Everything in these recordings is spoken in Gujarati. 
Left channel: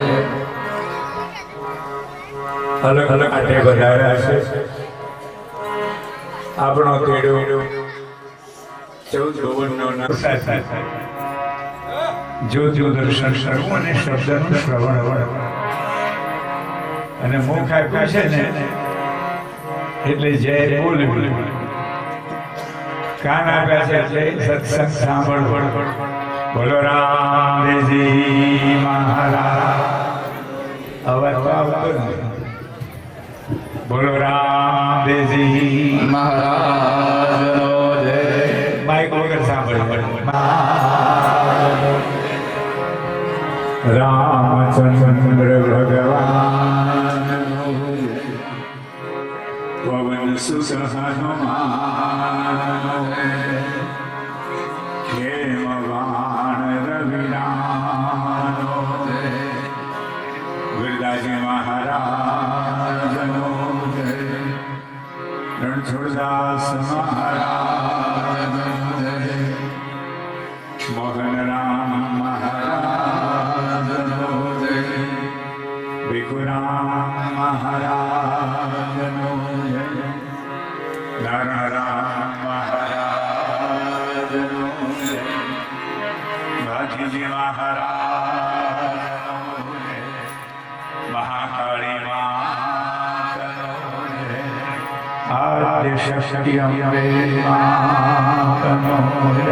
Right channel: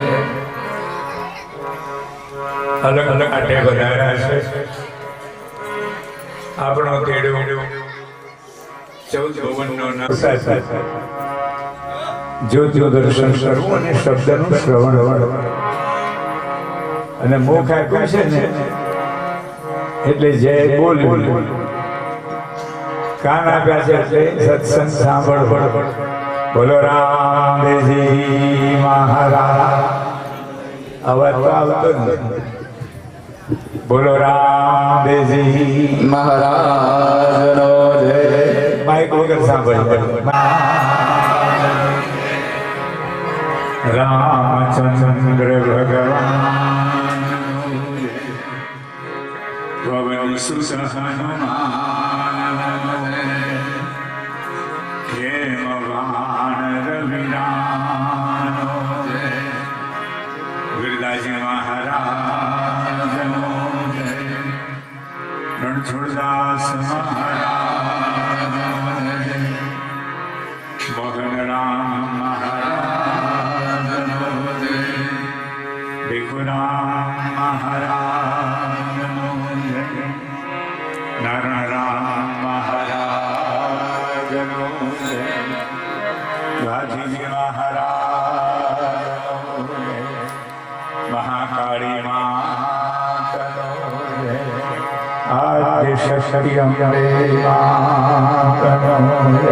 અલગ અલગ આટે વધાર્યા છે. આપણો તેડો 14 ભવનનો નામ જ્યોતિનું દર્શન કરવું અને શબ્દનું શ્રવણ અને મુખ આપ્યું છે ને એટલે જય બોલવું, કાન આપ્યા છે એટલે સત્સંગ સાંભળવું. બોલો રામદેવજી મહારાજ. અવાજ તો આવતો નથી. બોલો રામદેવજી મહારાજનો જય. માઇક વગર સાંભળવું. રામચંદ્ર ભગવાન પવન સુત હનુમાન હેમવાન રવિરાનો જય. ગિરદાજી મહારાજનો જય. રણછોડદાસ મહારાજનો જય. મોહનરામ મહારાજનો જય. ભીખુરામ મહારાજનો જય. નારાયણ મહારાજનો જય. ગાંધીજી મહારાજનો જય. મહાકાળી માતનો જય. આદ્ય શક્તિ અંબે માતનો જય.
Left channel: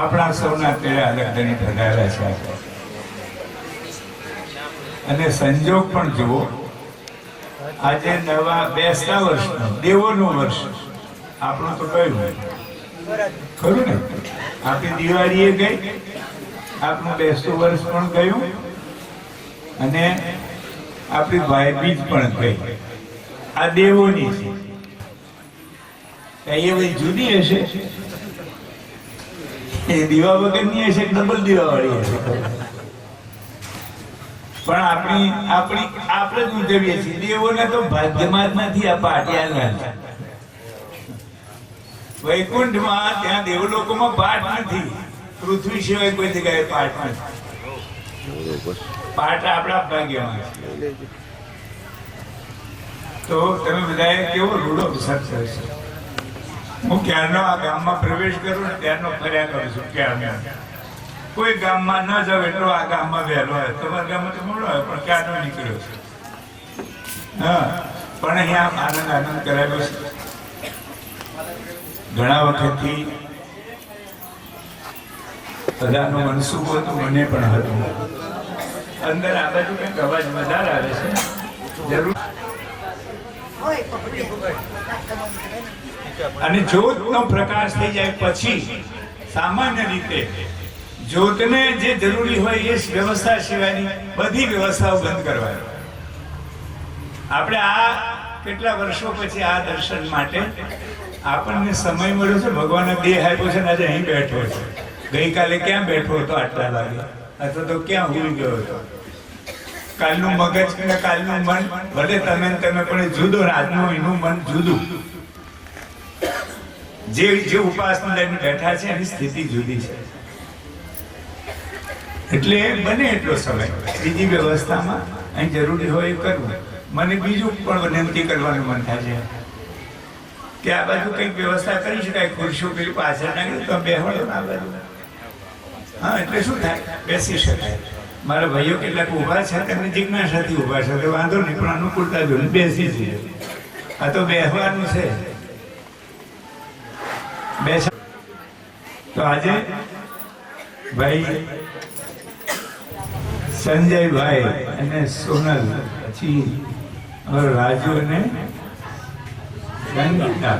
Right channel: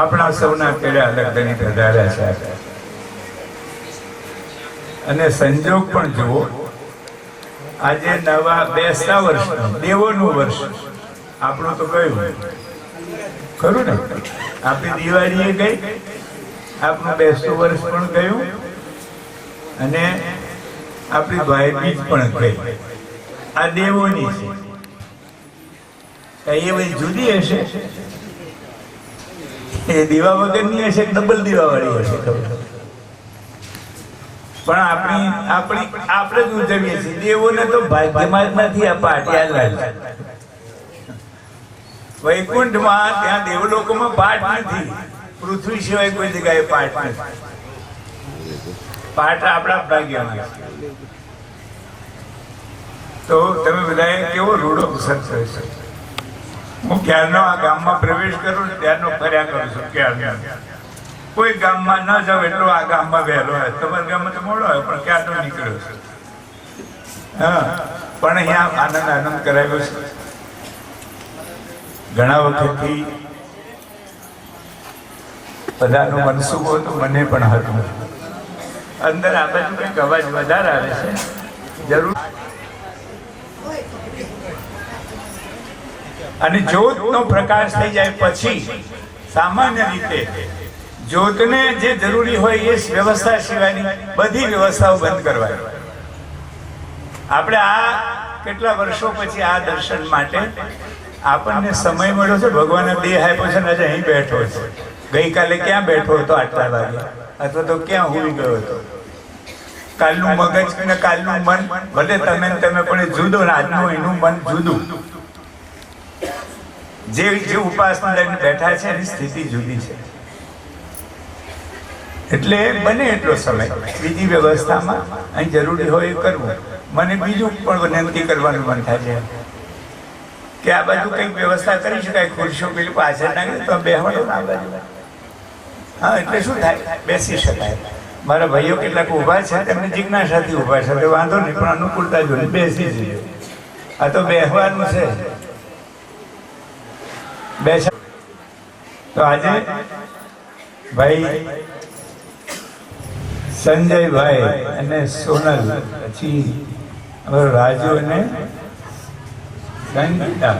આપણા સૌના કેળા અડગણી પધાર્યા છે અને સંજોગ પણ જુઓ, આજે નવા બેસતા વર્ષનું દેવોનું વર્ષ આપણું તો કયું ખરું ને? આપણી દિવાળીએ ગઈ, આપણું બેસતું વર્ષ પણ ગયું અને આપણી ભાઈબીજ પણ ગઈ. આ દેવોની છે. એ બધી જુદી હશે, એ દીવા વગરની હશે, ડબલ દીવા વાળી હશે, પણ આપણે જ ઉજવીએ છીએ. દેવોને તો ભાગ્યમાં જ નથી આ પાટિયા. વૈકુંઠમાં ત્યાં દેવલોકોમાં પાઠ નથી, પૃથ્વી સિવાય કોઈ જગ્યાએ પાઠ નથી. પાઠ આપણા ભાગ્યમાં છે. તો તમે બધાએ કેવો રૂડો સત્સંગ છે. હું ક્યારનો આ ગામમાં પ્રવેશ કરું ને ત્યારનો ફર્યા કરું છું. ક્યારનો કોઈ ગામમાં ન જાવ એટલો આ ગામમાં વહેલો હોય. તમારા ગામમાં તો મોડો હોય પણ ક્યારનો નીકળ્યો છે. હા, પણ અહીંયા આનંદ કરાવ્યો છે. ઘણા વખતથી બધાનું મનસુખ હતું, મને પણ હતું. અંદર આ બાજુ કંઈક અવાજ વધારે આવે છે, જરૂર. અને જ્યોતનો પ્રકાશ થઈ જાય પછી સામાન્ય રીતે જ્યોતને જે જરૂરી હોય એ વ્યવસ્થા સિવાયની બધી વ્યવસ્થાઓ બંધ કરવાની. આપણે આ કેટલા વર્ષો પછી આ દર્શન માટે આપણને સમય મળ્યો છે. ભગવાને દેહ આપ્યો છે ને આજે અહીં બેઠો છે. ગઈકાલે ક્યાં બેઠો હતો આટલા વાગે, અથવા તો ક્યાં ઉડી ગયો હતો? કાલનું મગજ ને કાલનું મન ભલે તમે પણ જુદો, આજનું એનું મન જુદું. જે ઉપાસના લઈને બેઠા છે એની સ્થિતિ જુદી છે. એટલે બને એટલો સમય બીજી વ્યવસ્થામાં અહીં જરૂરી હોય એ કરવું. મને બીજું પણ વિનંતી કરવાનું મન થાય છે કે આ બાજુ કંઈક વ્યવસ્થા કરી શકાય. ખુરશીઓ પેલું પાછળ નાખે તો બેહવાનો ના બાજુ. હા, એટલે શું થાય, બેસી શકાય. મારા ભાઈઓ કેટલાક ઊભા છે, તેમને જિજ્ઞાસાથી ઊભા છે, તો વાંધો નહીં, પણ અનુકૂળતા જોઈને બેસી જઈએ. આ તો બેસવાનું છે. બેસ તો આજે ભાઈ સંજયભાઈ અને સોનલ, પછી રાજુ અને સંગીતા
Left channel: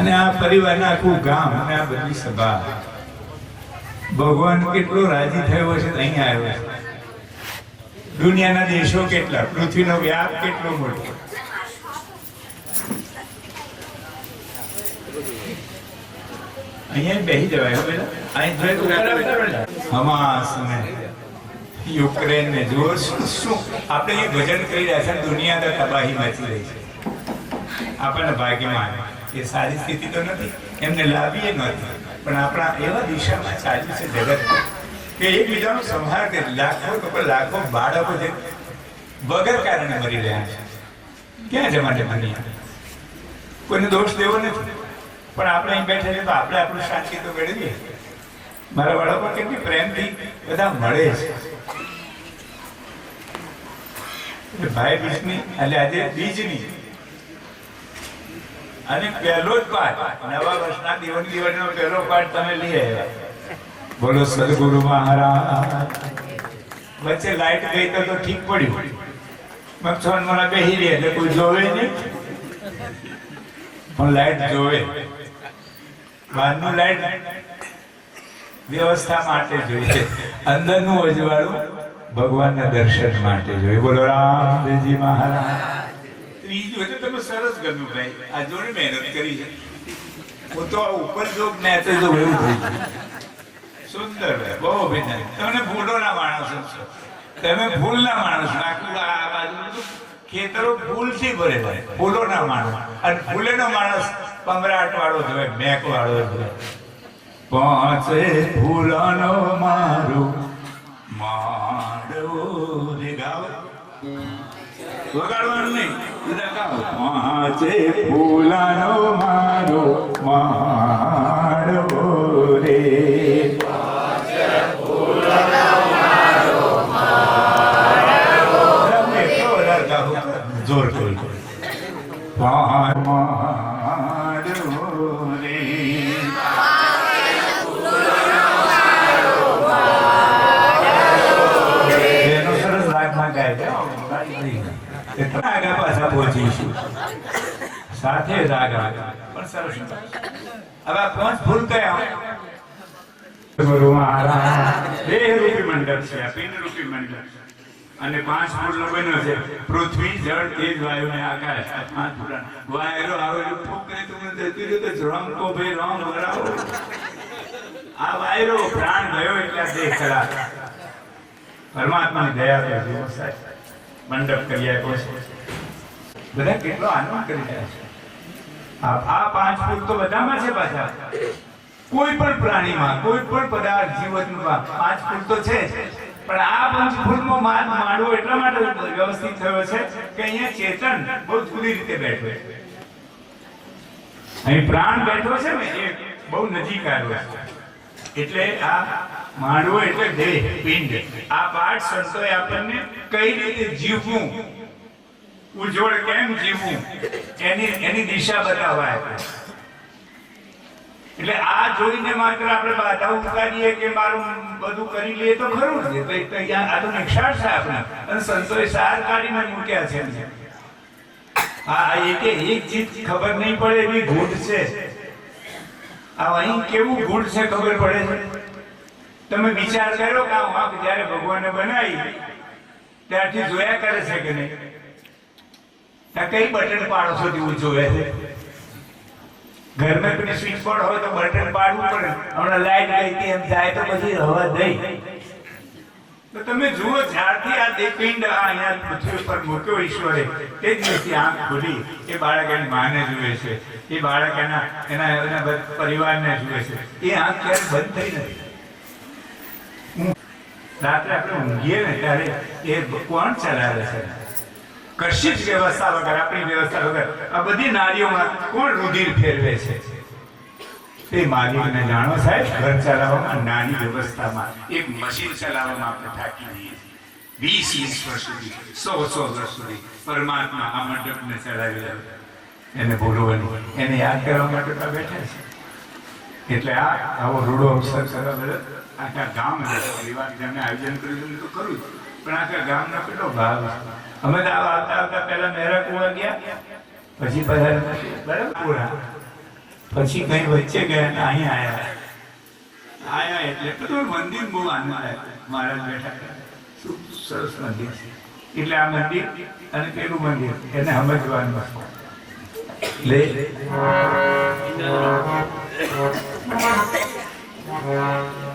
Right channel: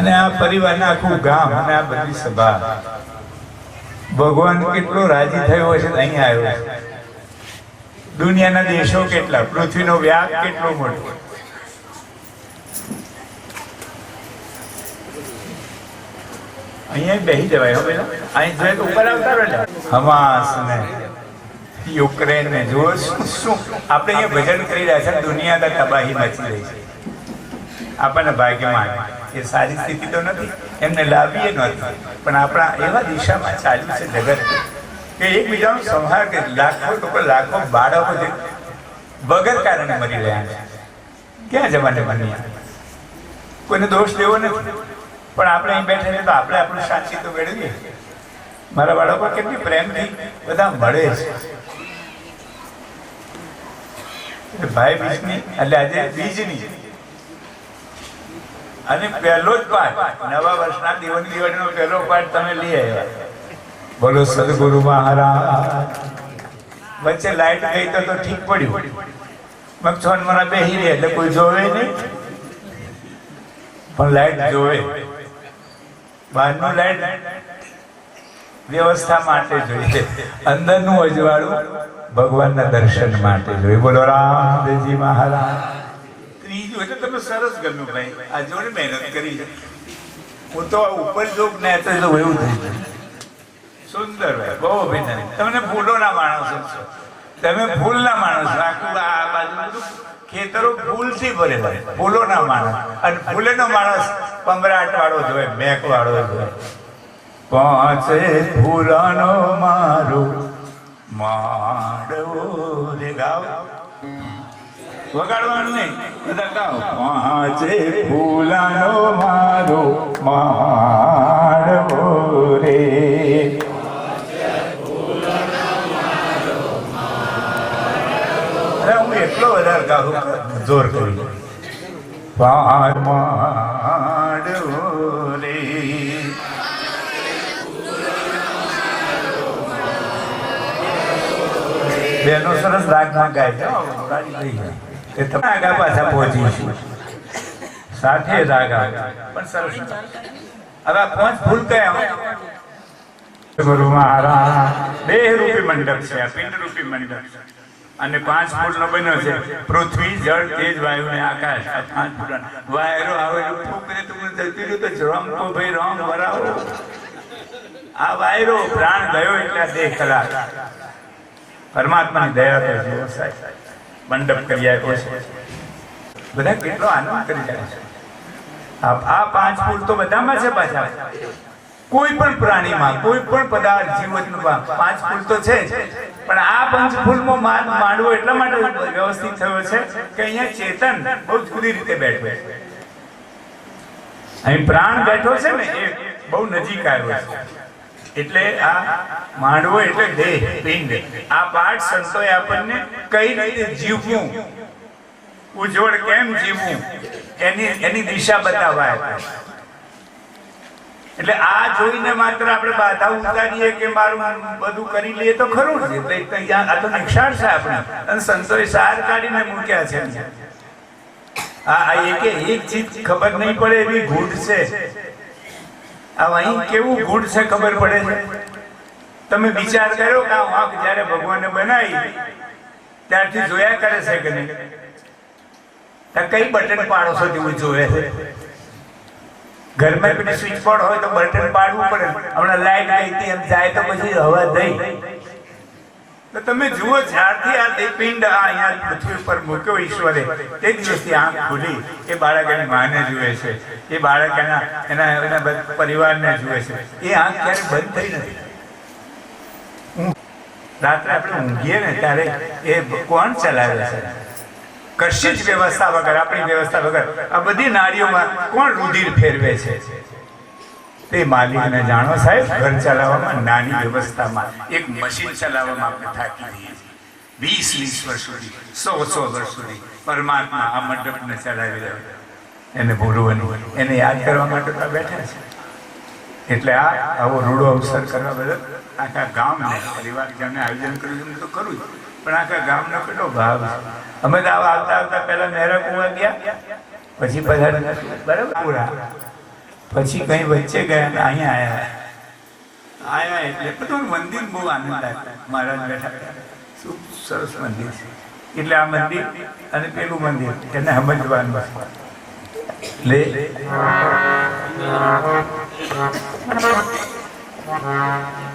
અને આ પરિવારને આખું ગામ અને આ બધી સભા, ભગવાન કેટલો રાજી થયો હશે અહીંયા આવ્યો છે. દુનિયાના દેશો કેટલા, પૃથ્વીનો વ્યાપ કેટલો મોટો. અહીંયા બેસી જવાય. હવે અહીં જોઈએ તો ઉપર આવતા રહે. હમાસ ને યુક્રેન ને જુઓ શું આપણે અહીંયા ભજન કરી રહ્યા છે. દુનિયા તબાહી મચી રહી છે. આપણને ભાગ્યમાં એ સારી સ્થિતિ તો નથી, એમને લાભીએ નથી, પણ આપણા એવા દિશામાં ચાલ્યું છે જગત કે એકબીજાનો સંહાર કે લાખો બાળકો જે વગર કારણે મરી રહ્યા છે. ક્યાં જમાને બની, કોઈને દોષ દેવો નથી, પણ આપણે અહીં બેઠે તો આપણે આપણું શાંતિ તો મેળવીએ. મારા બાળકો કેટલી પ્રેમથી બધા મળે છે. ભાઈ બીજની એટલે આજે બીજની અને પહેલો જ પાઠ, નવા વર્ષના દિવાળીનો પહેલો પાઠ તમે લઈ આવ્યા. બોલો સદગુરુ મહારાજ. વચ્ચે લાઈટ ગઈ તો ઠીક પડ્યું, મગથોન મને બેસી ગયા એટલે કોઈ જોવે નહીં, પણ લાઈટ જોવે. બહારનું લાઈટ વ્યવસ્થા માટે જોઈએ, અંદરનું અજવાળું ભગવાનના દર્શન માટે જોઈએ. બોલો રામદેવજી મહારાજ. ત્રીજું એટલે તમે સરસ ગમ્યું ભાઈ, આ જોડે મહેનત કરી છે. હું તો ઉપર જોગ ને તો એવું થઈ ગયું. સુંદર ભાઈ, બહુ અભિનંદન. તમને ફૂલોના માણસો છો, તમે ફૂલના માણસો. આખું આ બાજુ ખેતરો ફૂલથી ભરેલા, ફૂલોના માણસ. અને ફૂલેનો માણસ પંબરાટ વાળો જોઈએ, મેક વાળો જોઈએ. પાંચે ફૂલાનો મારો માડવો રે ગાવ, વગાડવાનું નહીં, બધા ગાવ. પાંચે ફૂલાનો મારો માડવો રે, એટલો વધારે ગાવું જોર કરી. માડવો રે, સરસ રાગમાં ગાય છે. આગળ પાછા પહોંચીશું, સાથે રાગ આવે પણ સરસ. હવે આ 5 ફૂલ કયા? ગુરુ મહારાજ 2 રૂપી મંડપ છે, આ પિંડ રૂપી મંડપ છે, અને 5 ફૂલનો બન્યો છે. પૃથ્વી, જળ, તેજ, વાયુ ને આકાશ. આ 5 ફૂલ. વાયરો આવે તમને જતી રહ્યું તો રંગ કો ભાઈ રંગ વરાવો. આ વાયરો પ્રાણ ગયો એટલે આ દેહ ખરા. પરમાત્માની દયા પર મંડપ કરી આપ્યો છે. બધા કેટલો આનંદ કરી રહ્યા છે. આ 5 ફૂલ તો બધામાં છે. પાછા કોઈ પણ પ્રાણીમાં, કોઈ પણ પદાર્થ જીવનમાં 5 ફૂલ તો છે, પણ આ 5 ફૂલમાં માંડવો એટલા માટે વ્યવસ્થિત થયો છે કે અહીંયા ચેતન બહુ જુદી રીતે બેઠો છે. અહીં પ્રાણ બેઠો છે ને, એ બહુ નજીક આવ્યો છે. એટલે આ માંડવો એટલે દેહ, પિંડ. આ પાઠ સંતોએ આપણને કઈ રીતે જીવવું, ઉજ્જવળ કેમ જીવવું, એની દિશા બતાવાય. એટલે આ જોઈને માત્ર આપણે બાધા ઉતારીએ કે મારું બધું કરી લઈએ તો ખરું છે. આ તો નિક્ષાળ છે આપણે, અને સંતોએ સાર કાઢીને મૂક્યા છે. આ એક ચીજ ખબર નહીં પડે એવી ગૂઢ છે. અહીં કેવું ગૂઢ છે ખબર પડે છે. તમે વિચાર કરો કે આ વાંક જયારે ભગવાને બનાવી ત્યારથી જોયા કરે છે કે નહીં? કઈ બટન પાડો છો તેવું જોવે છે. ઘરમાં પેલી સ્વિચ બોર્ડ હોય તો બટન પાડવું પડે. હમણાં લાઈટ ગઈ હતી એમ જાય તો પછી હવા દઈ. તો તમે જુઓ, જ્યારથી આ દેહપિંડ અહીંયા પૃથ્વી ઉપર મૂક્યો ઈશ્વરે, તે દિવસથી આંખ ખુલી. એ બાળક એની માને જુએ છે, એ બાળક એના પરિવારને જુએ છે. એ આંખ ક્યારેય બંધ થઈ નથી. રાત્રે આપણે ઊંઘીએ ને ત્યારે એ કોણ ચલાવે છે? કશી જ વ્યવસ્થા વગર, આપણી વ્યવસ્થા વગર આ બધી નારીઓમાં કોણ રુધિર ફેરવે છે? એ માલિકને જાણો સાહેબ. ઘર ચલાવવામાં, નાની વ્યવસ્થામાં, એક મશીન ચલાવવામાં આપણે થાકી રહીએ છીએ. 20-20 વર્ષ સુધી, 100-100 વર્ષ સુધી પરમાત્મા આ મંડપને ચલાવી રહ્યો. એને ભૂલવાની, એને યાદ કરવા માટે તો બેઠા છે. એટલે આવો રૂડો અવસર કરવા બદલ આખા ગામ પરિવાર જેમને આયોજન કર્યું છે તો કરું, પણ આખા ગામનો કેટલો ભાવ છે. અમે તો આવતા આવતા પહેલા મહેરા કુવા ગયા, પછી બરાબર પૂરા, પછી કઈ વચ્ચે ગયા ને અહીંયા આયા એટલે બધું મંદિર બહુ આનંદ આવ્યો. મહારાજ બેઠા, શું સરસ મંદિર છે. એટલે આ મંદિર અને પેલું મંદિર એને સમજવાનું લે.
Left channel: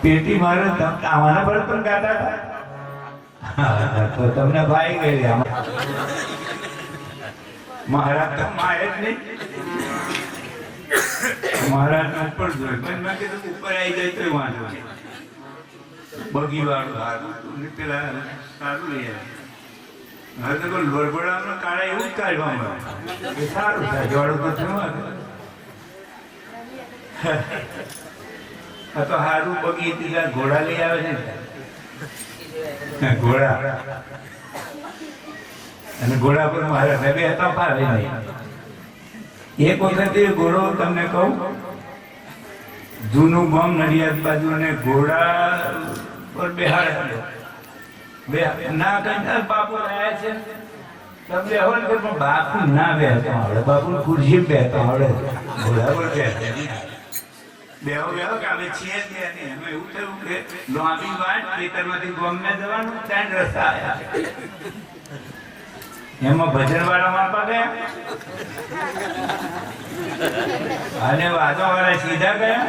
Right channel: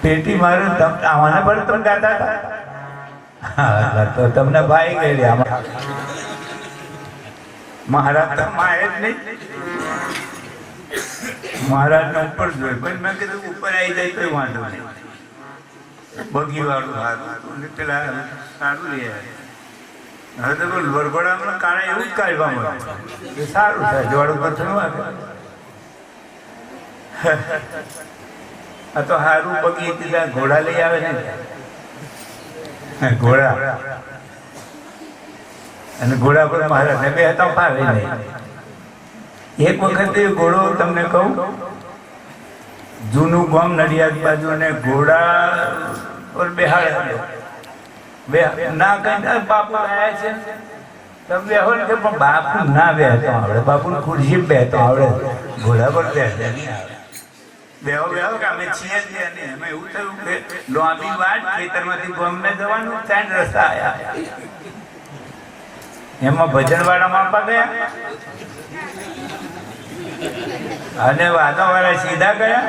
પેટી મારે આવાના પર તમે ગાતા હતા તો તમને ભાઈ ગઈ મહારાજ તો માએ જ નહીં. મહારાજ ને ઉપર જોઈ, પણ મેં કીધું ઉપર આવી જાય તો વાંધો નહીં. બગી વાળું સારું પેલા સારું લઈ આવે. હવે તો લોરગોડામાં કાળા એવું જ કાઢવામાં એ સારું થાય. જોડું તો થયું આ તો સારું બગી પેલા ઘોડા લઈ આવે છે ને, ઘોડા અને ઘોડા પર મહારાજ બે હતા ફાવે નહીં. એક વખત એ ઘોડો તમને કહું, જૂનું ગામ નડિયાદ બાજુ, અને ઘોડા પર બેહાડે બે ના કઈ બાપુ આવ્યા છે બેહો ને, પણ બાપુ ના બેહતો આવડે, બાપુ ખુરશી બેહતો આવડે, ઘોડા પર બેહતો બેહો બેહો કે અમે છીએ જ નહીં. એમાં એવું થયું કે લાંબી વાત, ખેતરમાંથી ગામને જવાનું, 3 રસ્તા આવ્યા. એમાં ભજનવાળા માપા ગયા અને વાદો વાળા સીધા ગયા.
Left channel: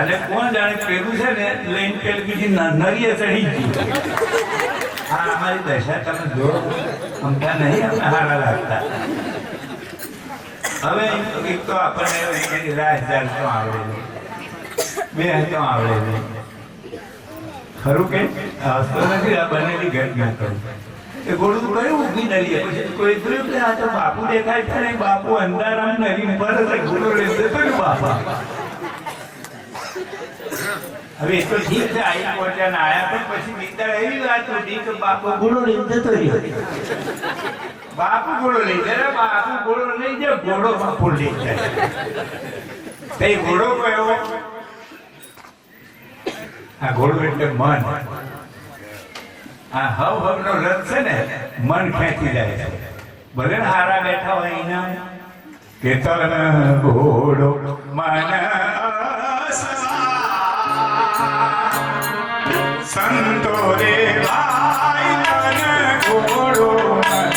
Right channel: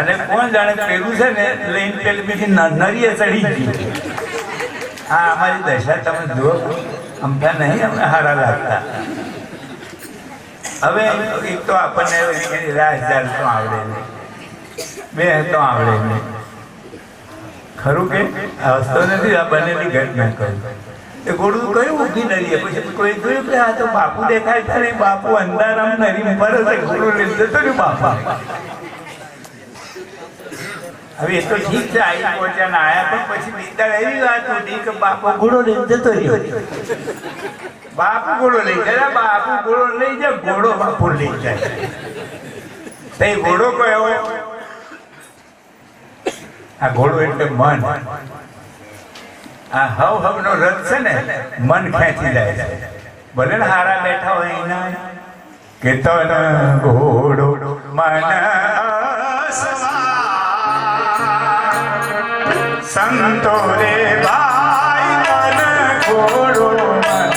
અને કોણ જાણે પેલું છે ને લઈને પેલી બીજી નરીએ ચડી ગઈ. હા, અમારી દશા તમે જો અમથા નહીં અમને હારા લાગતા. હવે એક તો આપણને રાસ જાણતો આવડે નહીં, બે તો આવડે નહીં. ખરું કે આવતો નથી. આ બનેલી ઘટના કહું. એ ઘોડું કયું ઊભી નરીએ, પછી કોઈ જોયું કે આ તો બાપુ દેખાય છે ને, બાપુ અંધારામ નરી પર ઘોડું લઈ જતો ને બાપા. હવે એ તો ઠીક છે, આયા પહોંચ્યા ને આયા, પણ પછી બીજા એવી વાત હતી કે બાપુ ઘોડો લઈ જતો રહ્યો. બાપુ ઘોડો લઈ જાય, બાપુ ઘોડો લઈ જાય, ઘોડો બાપુ લઈ જાય. તો એ ઘોડો કયો? આ ઘોડો એટલે મન. આ હવ નો રથ છે ને, મન ખેંચી જાય છે. ભલે ને હારા બેઠા હોય એના કે તો ઘોડો મન સંતો રે ભાઈ, મન ઘોડો મન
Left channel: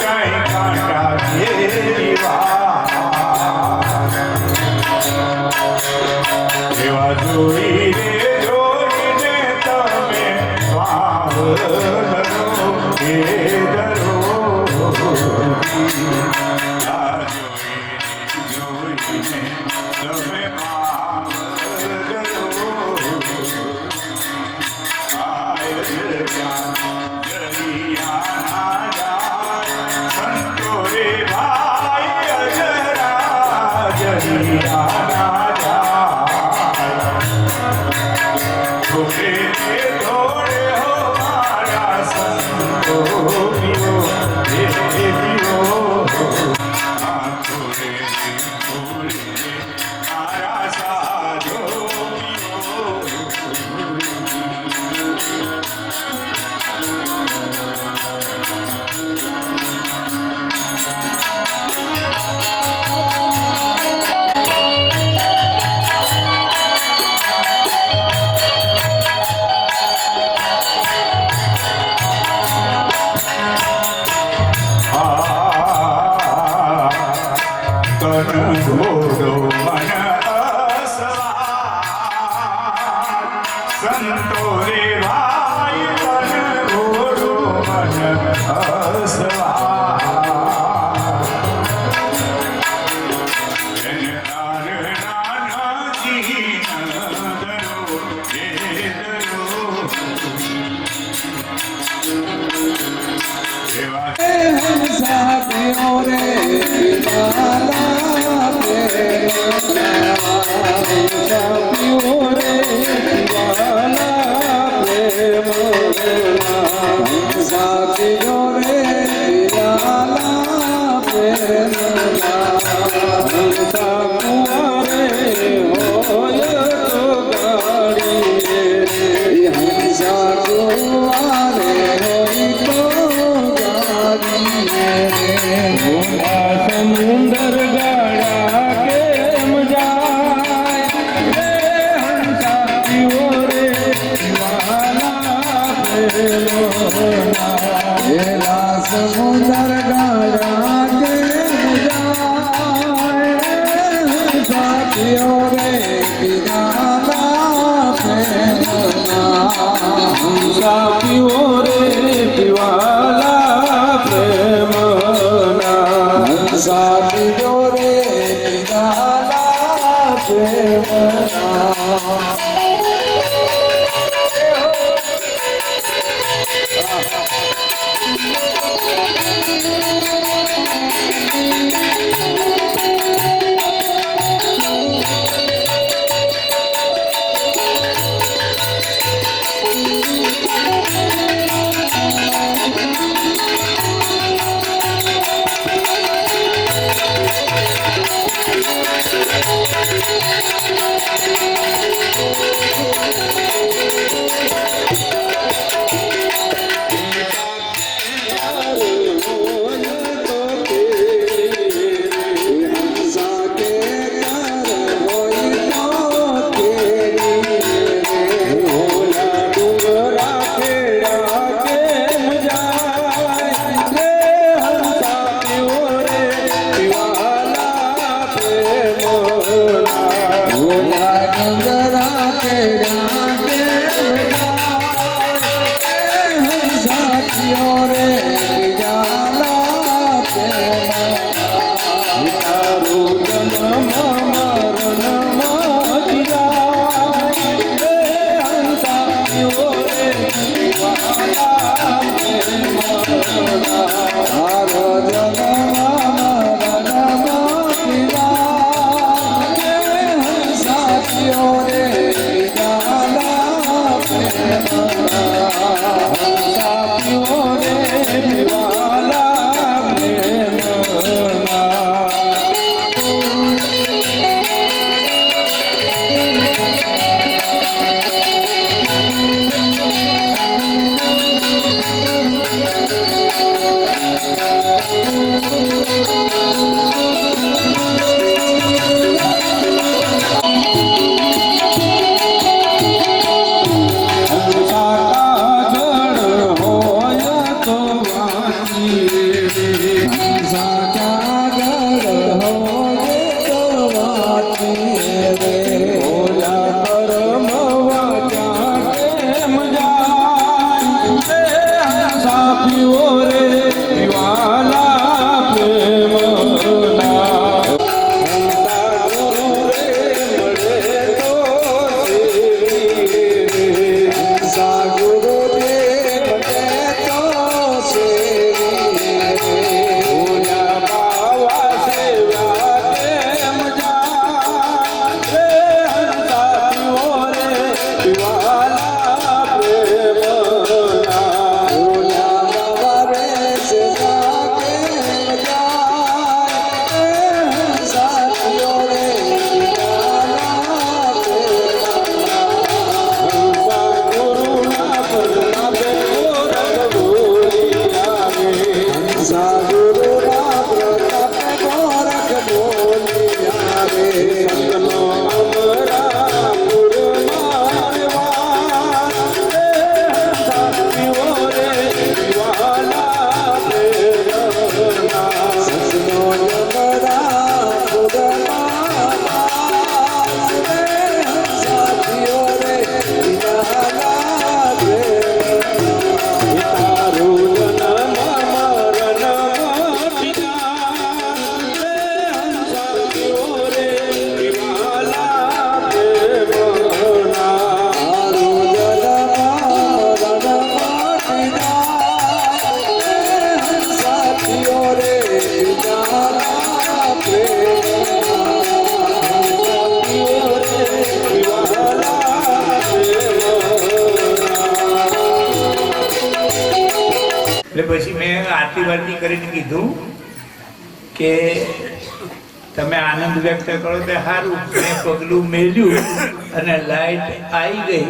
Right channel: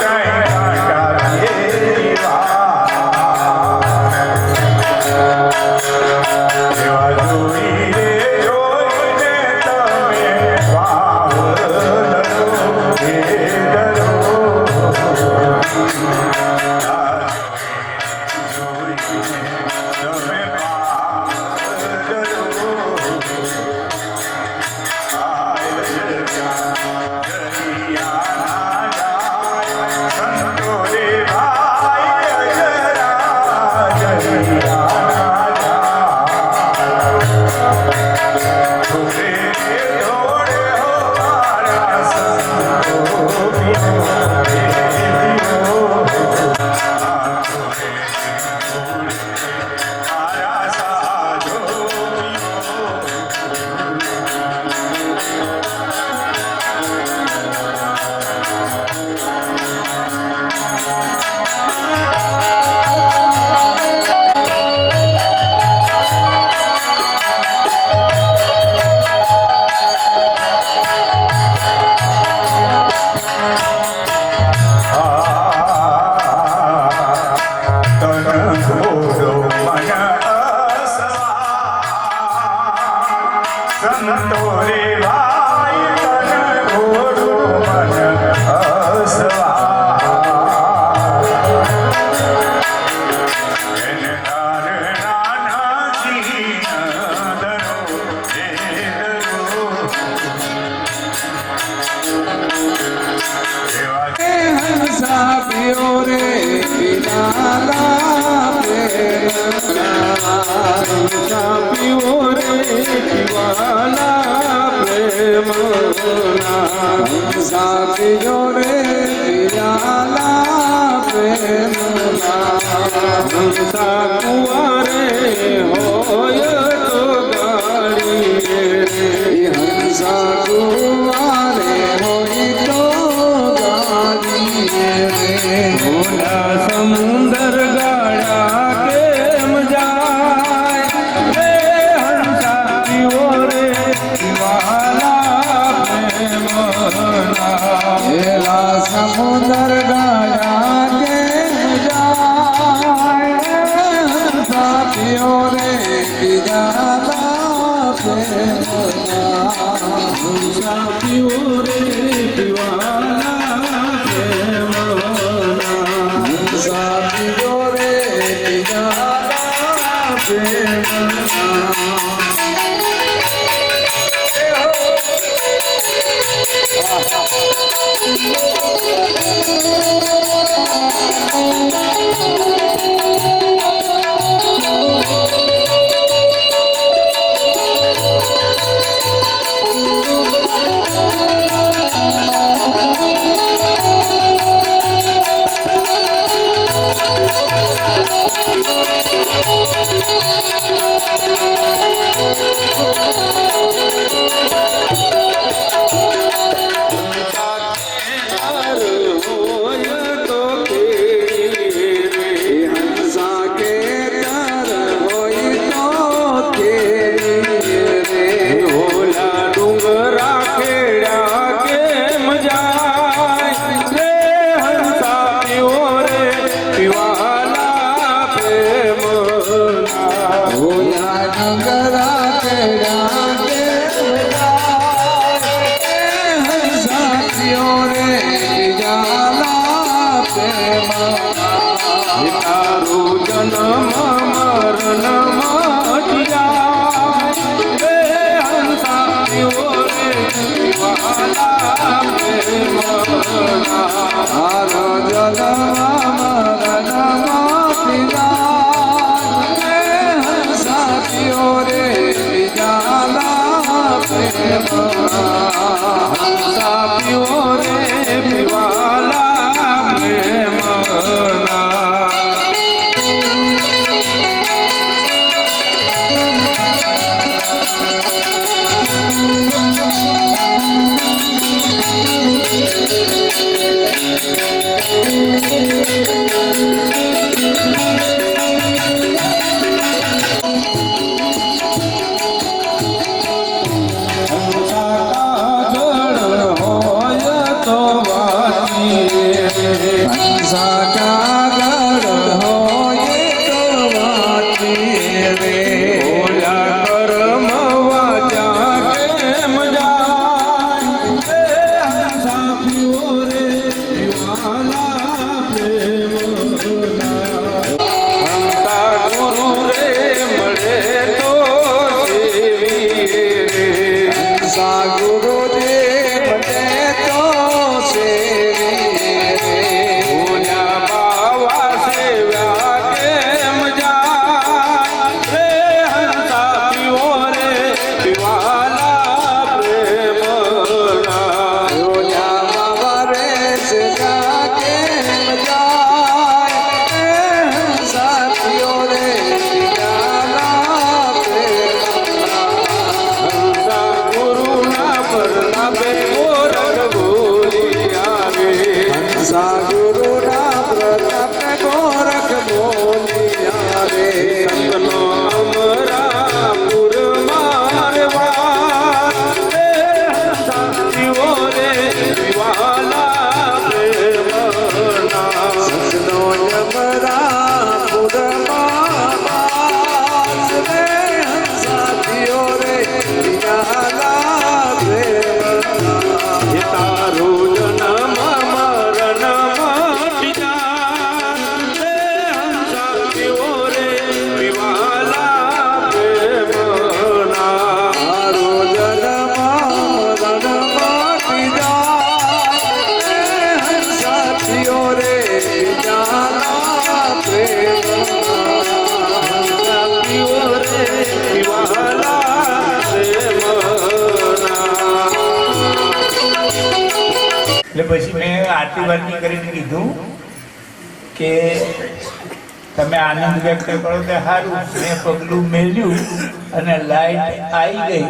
કાંઈ કાંટા ઘેરી વાત એવા જોઈ રે જોઈને તમે વાવલરો ભેદરો સંતોરે ભાઈ તન ઘોડું મન હસવા એને તાર નાના જીનદરો વેદરો એવા હંસા પિયો રે પીવાલા હંસા પિયો રે પીવાલા પ્રેમ હંસા પિયો રે પીવાલા પ્રેમ હંસા કુંવરે હોય તો ગાડી હંસા કુંવરે હોય તો મોટા સમુદર ગાળા કેમ જાય રે હંસા પીવો રે પીવાલા પ્રેમના એલા સમુદર ગાળા કેમ જાય રે હંસા પીવો રે પીવાલા પ્રેમના હંસા પીવો રે પીવાલા પ્રેમના હંસા પીવો રે પીવાલા પ્રેમના ગુરુના પ્રતાપ ગોરખ બોલ્યા રે સંતનો અમરાપુર મારવા સાથીઓ રે વિવાલા પ્રેમના સસનો યમરાપુરમાં વાસ રે સાથીઓ રે વિવાલા પ્રેમના તારું જન્મ મરણ મટીના સાથીઓ રે વિવાલા પ્રેમના મારો જન્મ મરણ સાથીઓ રે વિવાલા પ્રેમના સાથીઓ રે વિવાલા પ્રેમના એટલે પછી મેં આરતી વારતી કરીને કીધું કે તમે આનંદ વ્યક્ત કરો તે સારું. મેં પગલું મેળ્યું અને લાઈટ આવી ગઈ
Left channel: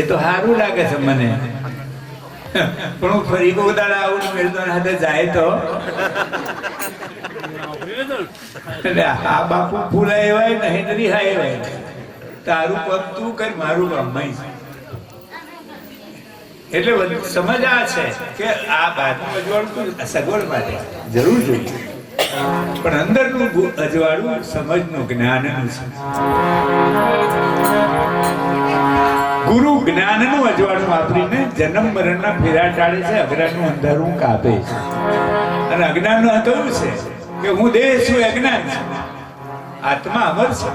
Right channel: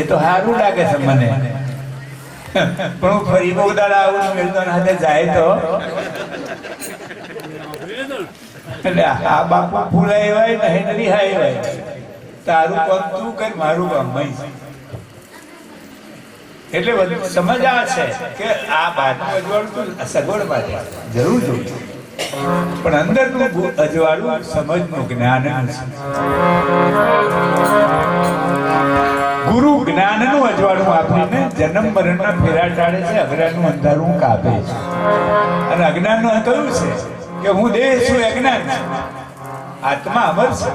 એ તો સારું લાગે છે મને, પણ હું ફરી બહુ દાડા આવું મેળતો હાથે જાય તો એટલે આ બાપુ ફૂલાય નહીં રિહાય વાય તારું પગ તું કર મારું ગમાઈ છે. એટલે બધું સમજ આ છે કે આ ભાગનું અજવાળું તો સગવડ માટે જરૂર જોઈએ, પણ અંદરનું અજવાળું સમજનું જ્ઞાનનું છે. ગુરુ જ્ઞાનનું અજવાળું વાપરીને જન્મ મરણના ફેરા ટાળે છે, અજ્ઞાનનું અંધારું કાપે છે. અને અજ્ઞાનનું કયું છે કે હું દેહ છું, અજ્ઞાન છું. આત્મા અમર છે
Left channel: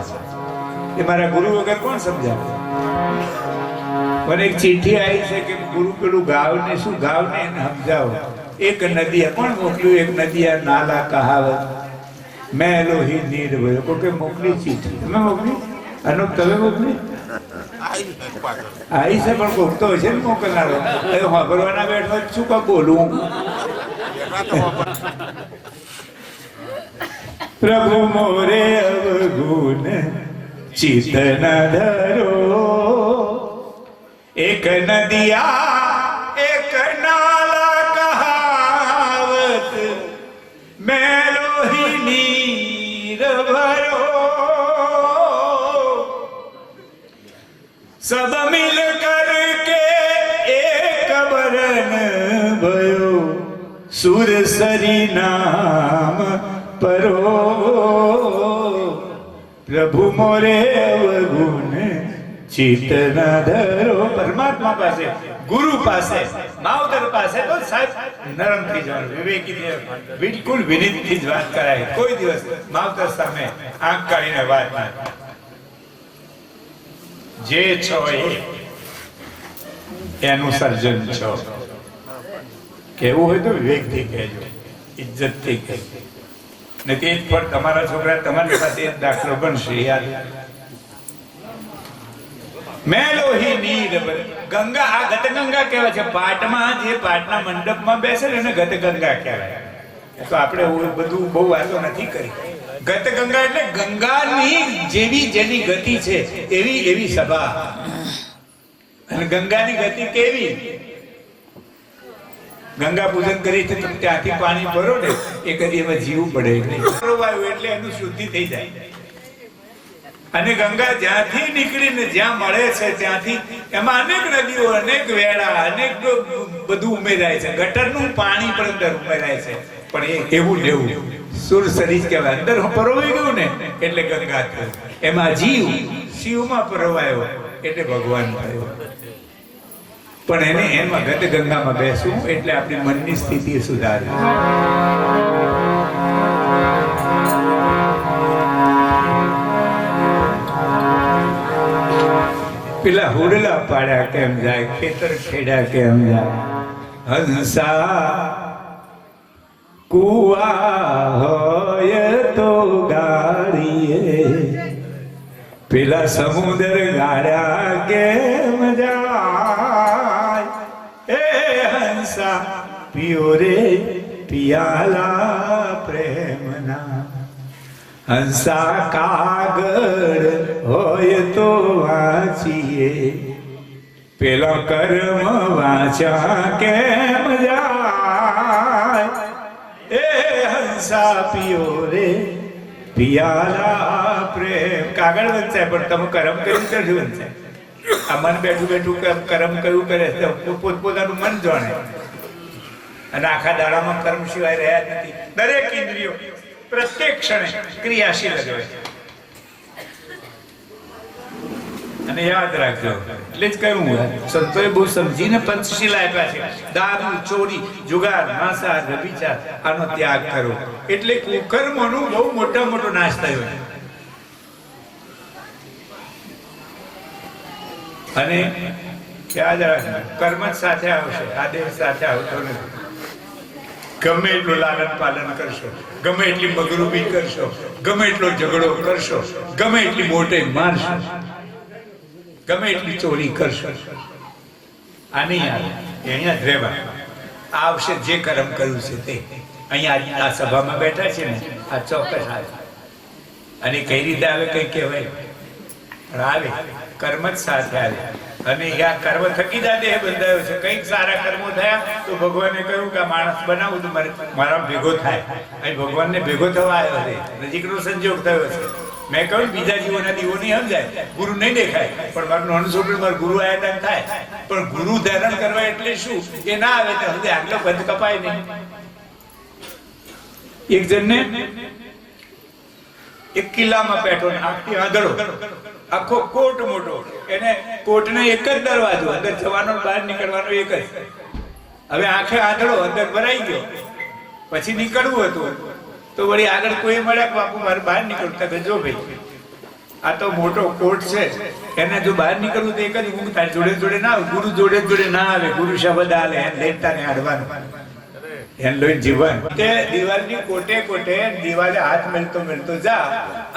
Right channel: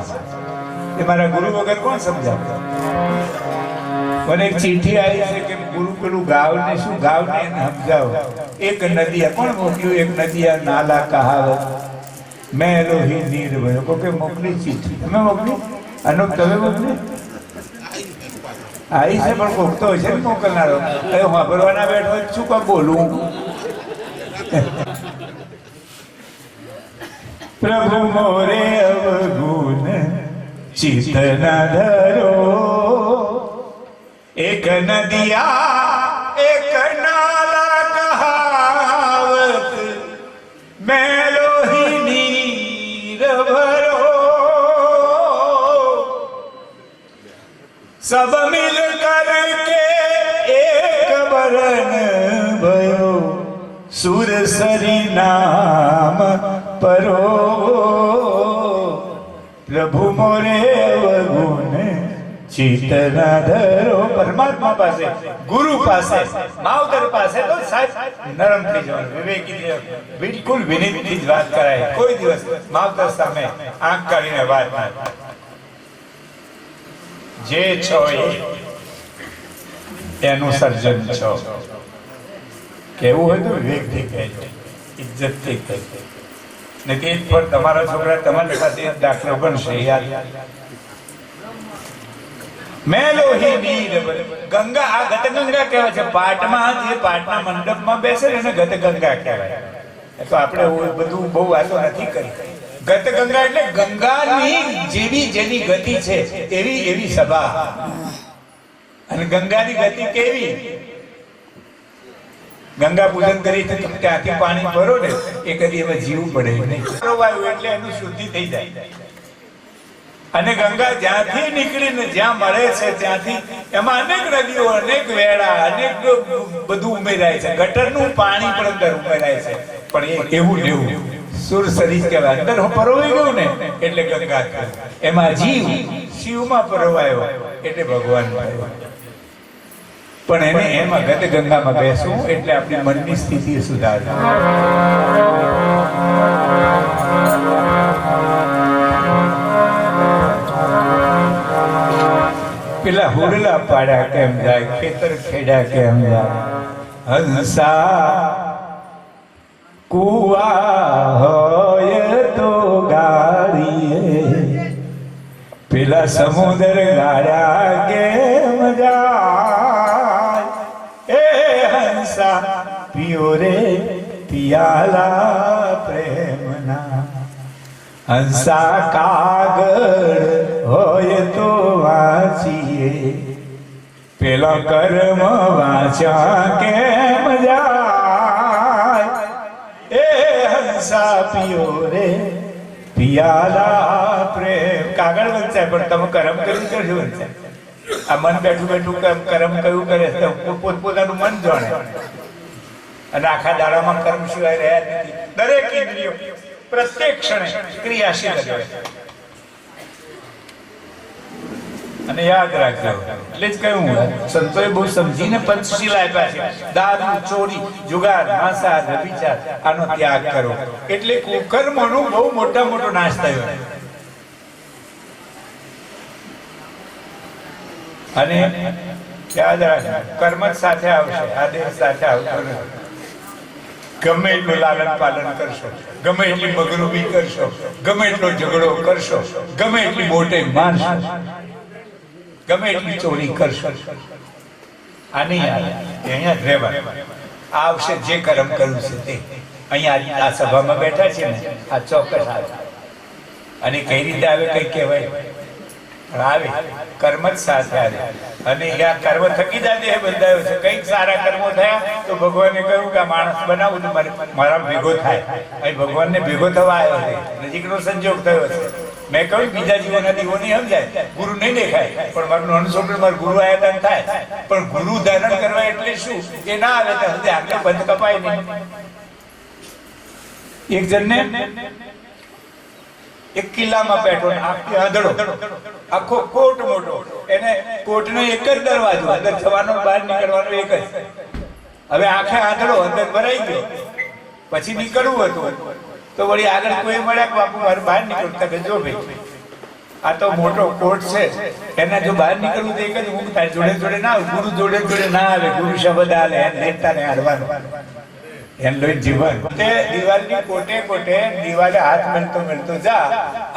એ મારા ગુરુ વગર કોણ સમજાવે? મને એક ચિઠ્ઠી આવી છે કે ગુરુ પેલું ગાવ ને શું ગાવ ને એને સમજાવો. એક નદીયા કોણ મોકલ્યું? એક નદીયા નાલા કહાવત મેં લોહી નીર ભયો. કોકે મોકલી ચિઠ્ઠી? તમે મોકલી? અનુપ તમે મોકલી? આવી છે પણ કોક તો હશે ને મોકલનારો. એ વાપરવાના બેઠો શું કા બોલું? પ્રભુ મોરે અવગુણ ચિત્ત ન ધરો, એક નદિયા એક નાલા કહાવત મેં લોહી નીર ભરો, सब मिल करके एक बरन भयो, सुरसरी नाम परो. प्रभु मोरे अवगुण ચિત્ત ના ધરો. પરમાત્મા પાસે, ગુરુ પાસે, માવતર પાસે તો સાહેબ નરમ થઈ જવાનું. વિવેકી બિલકુલ વિનીત થી જ વાત કરાય. કોઈ દિવસ માવતર સામે આંખ કાઢીને વાત ના થાય. જે છો એનું સર્જન છો. કેવું હોય તો વિવેકથી કહેજો, ઇજ્જતથી કહેજો. ને તે જ પણ તમારા છોકરા તમારી સાથે એક દાખલો બનશે. યાર મેં લોહી નીર ગંગા, આ ગતગંગા કહેવાય છે. પાટમાં જે પાટના મંડપમાં બેસે ને એને ગતગંગા કહેવાય. તો આપણે બધું બહુ વાતો નથી કરી. ગતગંગા એટલે ગંગાની જેવી જેની ગતિ છે એવી એવી સભા. અને ગંગાની ગતિ કેવી? ગંગા પૂજન કરી તમે ત્યાંથી પાણી ભરો ને એ કદી એમાં જીવવું પડે એટલે એનું શુદ્ધિ થઈ જાય. અને ગંગા જ્યાંથી નીકળીને જ્યાં મળે છે ત્યાંથી એમાં અનેક નદીઓ, અનેક વેળા, અનેક બધું ઉમેરાય છે. ગટરનું પાણી પણ અંદર ઉમેરાય છે. પણ એ એવું લેવું સુરસરી કહેવાય. અંદર પરોવાઈ ગયું ને એટલે ગંગા થયું. એમાં જીવ શિવમાં પરોવાયો એટલે ભગવાન થયો. પણ એને એમાં ગત ગંગામાં બેસવું એટલે આપણી મનની સ્થિતિ સુધારે. પેલા હુડલા પાડ્યા કેમ જાય, ખેતર ખેડા કેમ જાય. હંસા કુવા હોય તો ગાડીએ, પેલા સમુદ્ર ગાડા કેમ જાય. એ હંસા પિયો રે પિયાલા પ્રેમના, હંસા કાગળ હોય તો વાંચીએ, પેલા કર્મ વાંચા કેમ જાય. હંસા પિયો રે પિયાલા પ્રેમ. કાગળ વંચાય પણ તમે કર્મ કર્યું કરજો વંચાય. આ મન બેઠું બેઠું કર્મ કયું કરે પોતપોતાનું મન જાણે અને આખા દાડામાં કર્મ સિવાય રહ્યા જ નથી. દરેક ઇન્દ્રિયો પ્રત્યેક ક્ષણે ક્રિયાશીલ જ હોય. અને યાદ રાખજો, એટલે જ કહ્યું સંતોએ બહુ સમજીને પંચશીલ આપ્યા છે. દારૂ, ચોરી, જુગાર, માંસાહાર, વ્યભિચાર આનો ત્યાગ કરો. એટલે કુકર્મનો બહુ મોટો નાશ થયો. અને યાદ રાખજો, કર્મ જ સાથે આવશે, આદેશ સાથે આવતો નથી. ગમે એટલું લાલન પાલન કરશો, ગમે એટલી બગરૂબી કરશો, ગમે એટલો ઝઘડો કરશો, ગમે એટલી મોટે મારશો, ગમે એટલી ચોરી કરશો, આ નહીં આવે. અહીંયા જ રહેવા આવશે. જે કર્મ કર્યું છે તે અહીંયા આ સભામાં બેઠા છે ને, આ ચોક્કસ આવે. અને કઈ રીતે આવે કઈ કહેવાય આવે, કર્મ જ સાથે આવે. અને આ કર્મ થકી જ આ દેહ બંધાયો છે. કંઈક સારા કર્મો થયા તો ભગવાને કહ્યું કે આ માણસ બનાવું તો મારા ભેગો થાય. અહીં ભગવાનને ભેગો થવા આવ્યો છે, નજીકનો સંજોગ થયો છે. મેં કહ્યું બીજા જીવોના દીવો નહીં સમજાય, ગુરુ નહીં દેખાય, પણ મારું નાનું છોકરું મારું ગુરુ આયાદાન થાય. પણ ગુરુ ધારણ કરવા એટલે શું એ ના આવે તો સમજે આટલો બંધ કપાય નહીં. એક જણને એક કિલ્લામાં બેઠો આખી આંધળો, આખો કોટ મોટો, એને કોટનો એક જ દરવાજો, અંદર જવાનો બહાર નીકળવાનો એક જ. હવે આખે આંધળો, અંદર ભરાઈ ગયો. પછી નીકળવું હતું તો વળી આગળ કોઈ મળ્યા કે બાપુ મારે બહાર નીકળતા કે જો ભાઈ આ તો મોટો કોટ છે, એના જો બહાર નીકળવું તો એક જ ઊંઘ થાય, જોડે જોડે ના આવે. ગુરુ જોડે જોડે ના આવે, ગુરુ શબ્દ હાલે, એને લેતા ને હાડવાનું, એને લોહી જીવન. તે દિવાલની કોટે કોટે દિવાલે હાથ મેળતો જા,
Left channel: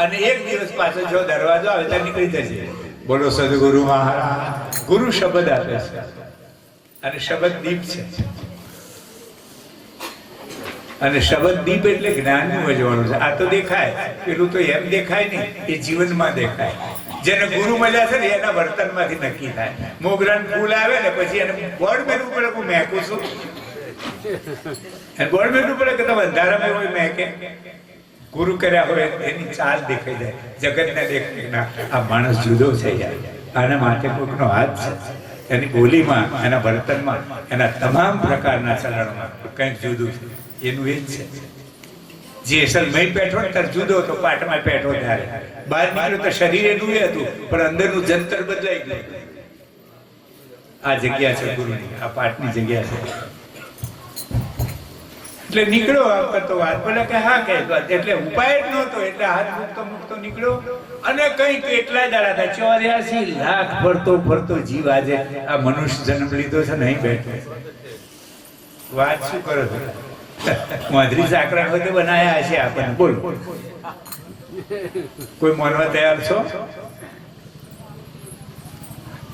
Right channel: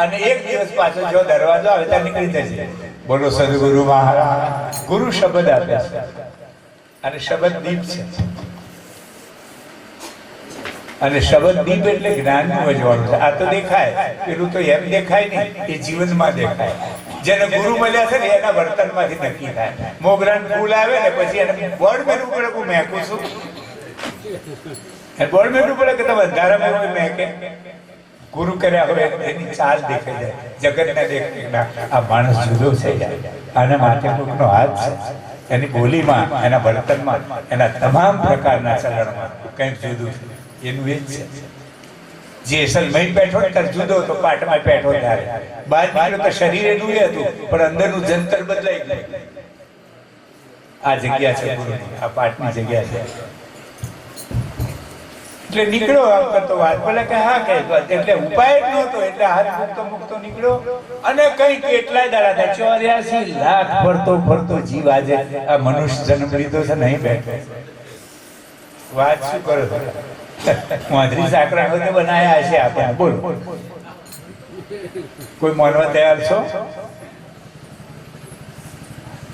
અને એક દિવસ પાછો જો દરવાજો આવે ત્યાં નીકળી જશે. બોલો સદગુરુ મહારાજ. ગુરુ શબ્દ આપે છે અને શબ્દ દીપ છે. અને શબ્દ દીપ એટલે જ્ઞાનનું વજવાનું છે. આ તો દેખાય, પેલું તો એમ દેખાય નહીં, એ જીવનમાં દેખાય. જેને ગુરુ મળ્યા છે ને એના વર્તનમાંથી નક્કી થાય. મોગરાનું ફૂલ આવે ને પછી એને બોર્ડ મેળવું પડે કે મેકું છું, બોર્ડ મેળવું પડે કે તમે અંધારામાં હોય મેકે. ગુરુ કર્યા હોય એની ચાલ દેખાઈ જાય, જગતને દેખાય આ માણસ જુદો થઈ જાય. આના માટે કોઈનો હાથ છે, એની બોલીમાં, એના વર્તનમાં, એના તમામ પ્રકારના ચલણમાં કંઈક જુદું છે. એનું એ જ છે. જે અસલમય બેઠો ત્યારે જુદો હતો, પાટમાં બેઠો ત્યારે બહાર નીકળ્યો તો શરીર એનું એ હતું, પણ અંદરનું જંતર બદલાઈ ગયું. આ જગ્યા છે ગુરુની, આ પાઠની જગ્યા છે. એટલે નીકળો કરતો વાત બોલે કે હા કઈ એટલે ઉપાય જ નહોતો, એટલે હાથ મૂકતો નીકળ્યો. અને કઈ કેટલાય દાડા થાય, 84 લાખ ફરતો જીવ આજે આ મનુષ્ય જન્મ લીધો છે, નહીં બેઠો. વાત શું કરો છો? વાંદરી સાકરા વખતે બનાયા હશે આપણે. બોલ, કોઈ માનવા તૈયાર છો?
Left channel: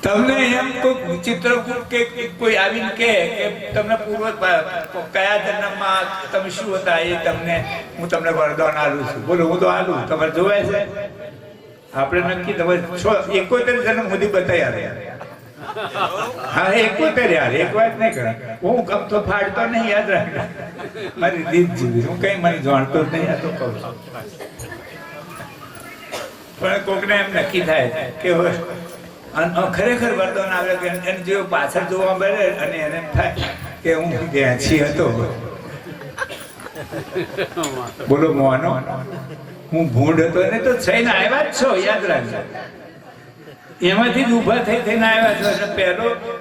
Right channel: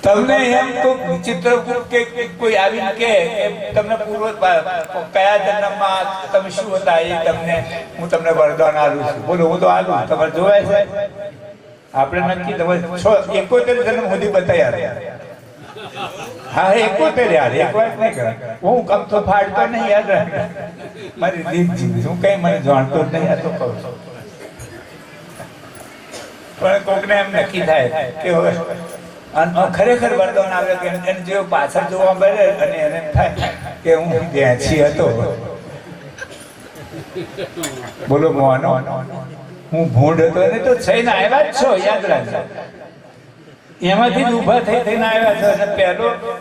તમને એમ કોઈ ચિત્રકૂટ કે કોઈ આવીને કે તમને પૂર્વ કયા જન્મમાં તમે શું હતા એ તમને હું તમને વરદાન આલું છું. બોલો, હું તો આલું. તમારે જોવાય છે? આપણે નક્કી તમે 71 જન્મ સુધી બતાવ્યા. હા 71 યાર, એક વાત નહીં કરે. હું કમ તો ફાડતો નહીં, યાદ રાખ. મારી દીપ જીવી, હું કઈ મને જાણતો જ નહીં, આ તો કહું છું. પણ કોકને એમ નક્કી થાય કે ખરેખર વરદાન આવે કે એને જો પાછળ જોવા મળે અને એને થાય કે હું ગેંચી હતો. બોલો મોનો, હું ભૂંડ હતો. એને તો થઈને આવ્યા જ છો, યાદ રાખજો. એમાંથી જ ઉભા થઈને આવ્યા છો. અને